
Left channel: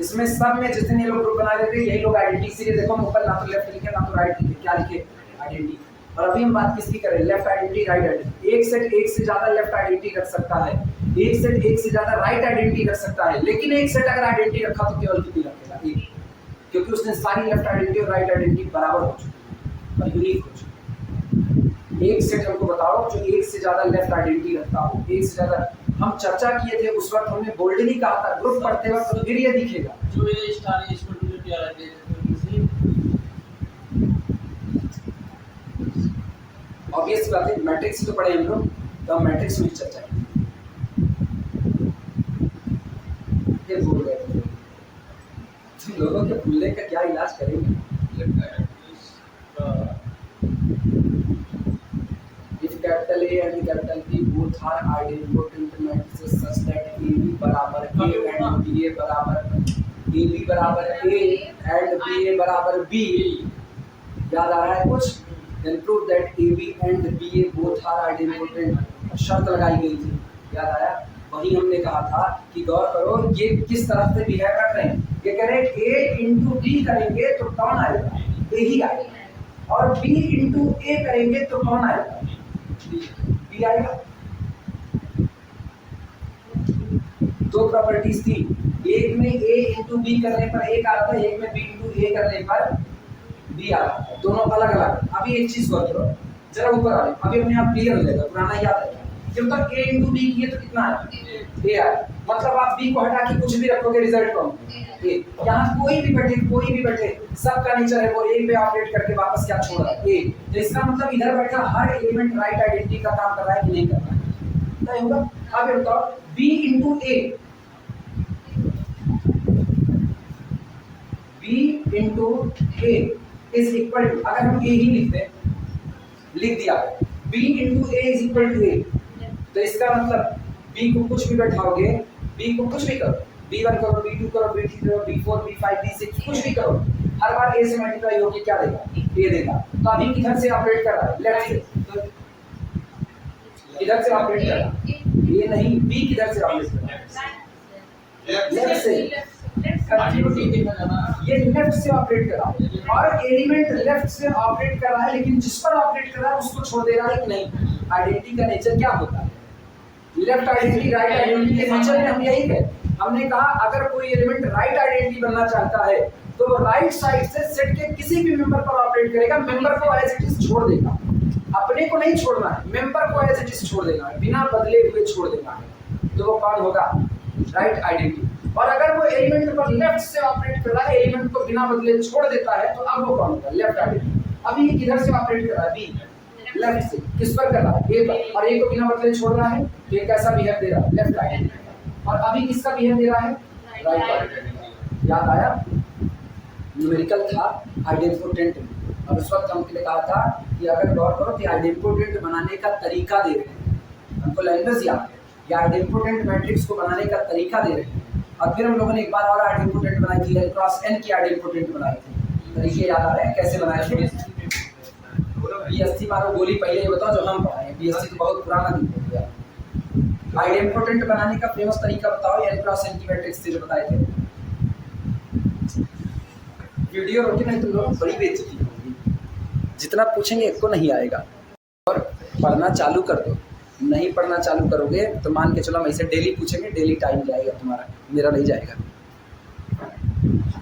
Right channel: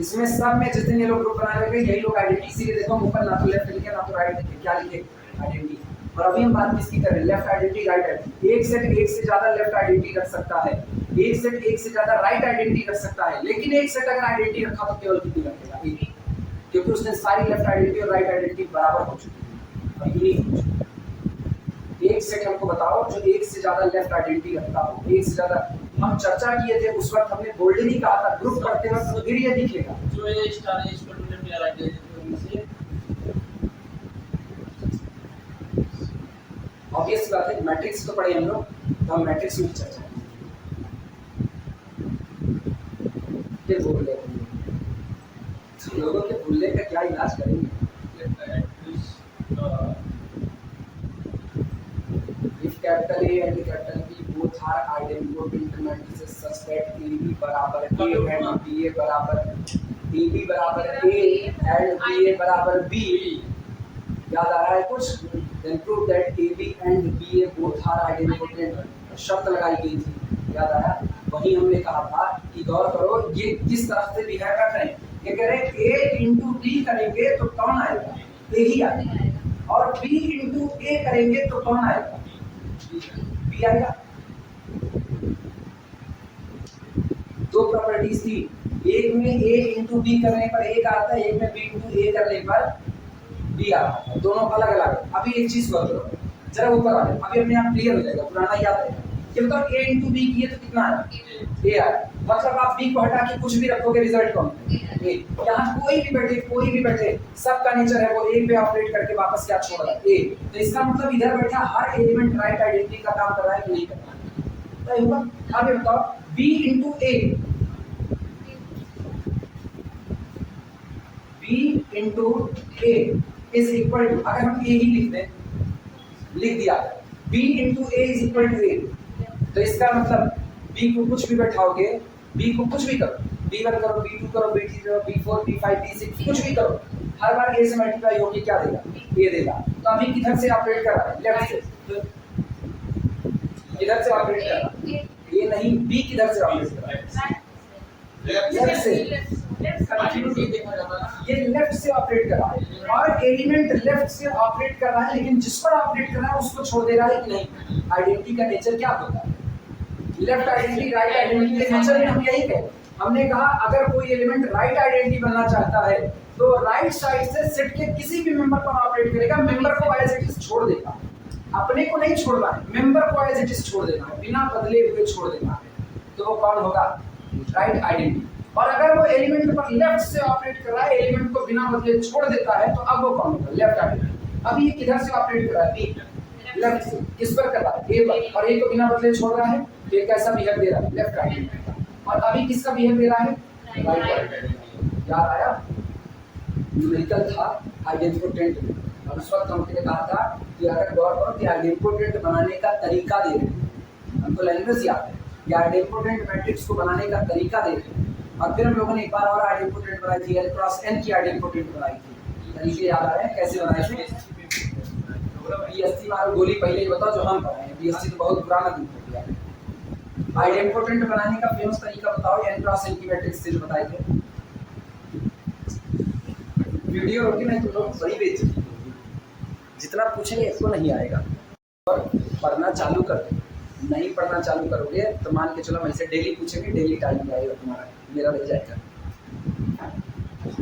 इसमें सब में जितने लोग ग्रुप बना रहे थे यही लोग आइडेंटिटी, इसीलिए देखो ऊपर ना तो लेफ्ट लिखे ना तो राइट लिखे, क्या लिखे? आइडेंटिटी। और अभी हम बात किसकी कर रहे हैं? Left identity, right identity. एक सेट एक से ज्यादा लेफ्ट आइडेंटिटी रख सकता है, एक सेट एक से ज्यादा राइट आइडेंटिटी रख सकता है, लेकिन एक सेट अगर आइडेंटिटी रखा तो केवल कितनी रखेगा? एक, क्योंकि उसने सारी लेफ्ट आइडेंटिटी और राइट आइडेंटिटी बराबर हो चुकी है और यूनिक हो चुकी है। एक सेट हमको बताओ जो एक से ज्यादा लेफ्ट आइडेंटिटी रखता हो, एक से ज्यादा। हम चर्चा किए थे उस वक्त, हमने बोल्ड नहीं कहा था, ग्रुप पढ़ते वक्त तो फिर ये दिखेगा जो ये स्टार है इसको डिलीट या राइट से ऑब्वियस बात है। मैट्रिक्स तो पढ़े हम लोग, तो हम मैट्रिक्स में चर्चा की। भूल गए तुम लोगों के भूलने का क्या इलाज करेंगे? If capital A and capital B both are identical matrices such that AB बराबर A and BA बराबर ए बी बराबर ए एंड बी ए बराबर बी। याद आ रहा है कुछ? Then prove that a b and b a both are idempotent. शर्त लगाई गई थी, याद आया? वही हमने कहा था कि गौर करो ये किस तरह से बिहेव कर रहे हैं। ये कह रहे हैं ए इंटू बी करेंगे तो कौन आएगा? ए ही आएगा। और बी इंटू ए करेंगे तो कौन आएगा? बी आएगा। दो प्रॉपर्टीज थी, एक में ए इंटू बी करने पर एक आता है, एक में बी इंटू ए करने पर बी आता है, दोनों अलग अलग। अभी एक चीज गौर करो, जरा ऊपर आ जाए, अभी अपने आप क्लियर हो जाएगा, पुराना याद आएगा। जब तक ए इंटू बी किए तो कितना आया? ए आया। मतलब आप बी को हटा के कुछ भी रखोगे, रिजल्ट कौन? ए। यहाँ कोई भी बैठे सबका नेचर है वो ए पे ऑपरेट करके वापस क्या छोड़ रहा है? ए। तो इसका मतलब इधर बैठा हर एलिमेंट राइट आइडेंटिटी का काम कर रहा है कि नहीं कर रहा है? तो होगा। अब ये बताओ b into a, b into a is equal to, अगर हम ए ही लिख दिया b into a is equal to a, तो इसका मतलब बी को कुछ भी बैठाओगे, बी को कुछ भी करो, b1 करो, b2 करो, b3 करो, b4 b5 b6 कुछ भी करो, हर बार a से मल्टीप्लाई होके क्या देगा? a देगा। तो अभी किधर से ऑपरेट कर रहा है? लेफ्ट से। तो किधर से ऑपरेट कर रहा है? a नहीं, b किधर से ऑपरेट कर रहा है? लेफ्ट से। कंटिन्यूटी देखा जाना, ये लेफ्ट से ऑपरेट कर रहा है और एलिमेंट लेफ्ट से ऑपरेट कर रहा है, लेकिन जिस पर ऑपरेट कर रहा है उसको छोड़ दे रहा है कि नहीं? आइडेंटिटी का नेचर क्या होता है? लेफ्ट आइडेंटिटी राइट आइडेंटिटी के नेचर में हम यही कहे, हमने कहा अगर कोई एलिमेंट राइट आइडेंटिटी बनना चाहता है तो राइट साइड से सेट के किसी भी मेंबर पर ऑपरेट करेगा, मेंबर को एज इट इज छोड़ देगा, अपने को नहीं छोड़ना है, मेंबर को एज इट इज छोड़ देना है, बिना बदले हुए छोड़ देना है, तो वो कौन होगा? Right identity. और अगर वो एलिमेंट पर लेफ्ट से ऑपरेट कर रहा है, एलिमेंट को बिना बदले छोड़ देता है, तो अब वो कौन होगा? Left identity. अभी ये किधर से ऑपरेट कर रहा है? बी लेफ्ट से। किस पर कर रहा है? ए पर। और ए को बिना बदले छोड़ रहा है, तो ये कैसा बिहेव दे रहा है? Left identity. और अभी किसका बिहेव दे रहा है? Right identity. याद आया? न्यूमेरिकल था आइडेंटिपोटेंट में, और उस वक्त हमने कहा था कि अगर गौर करो कि आइडेंटिपोटेंट बनाने का तरीका दे रहे हैं, हमको लैंग्वेज याद है, या आइडेंटिपोटेंट मैट्रिक्स को बनाने का तरीका दे रहे हैं। और फिर हम लोगों ने एक बार और आइडेंटिपोटेंट बनाई थी, L क्रॉस N की आइडेंटिपोटेंट बनाई थी। तरीके याद आ रहे हैं कैसे बनाए थे? BSc मारो गोली पहले ही बताओ जो हम पढ़ाए, BSc तो बहुत पुराना दिन हो गया। आइडेंटिपोटेंट बनाने का फेमस तरीका बताओ, L क्रॉस N की मैट्रिक्स से जो बताए थे। वीडियो रोटी नहीं, तुम लोग बड़ी बेइज्जती होगी, जितना पूछेंगे एक को नहीं आएगा। और पढ़ना चालू कर दो, नहीं पढ़ना चालू करोगे तो मान के चलो हम इसे डेली पूछेंगे, डेली टाइम जाएगा तुम्हारा, मेरा नहीं जाएगा।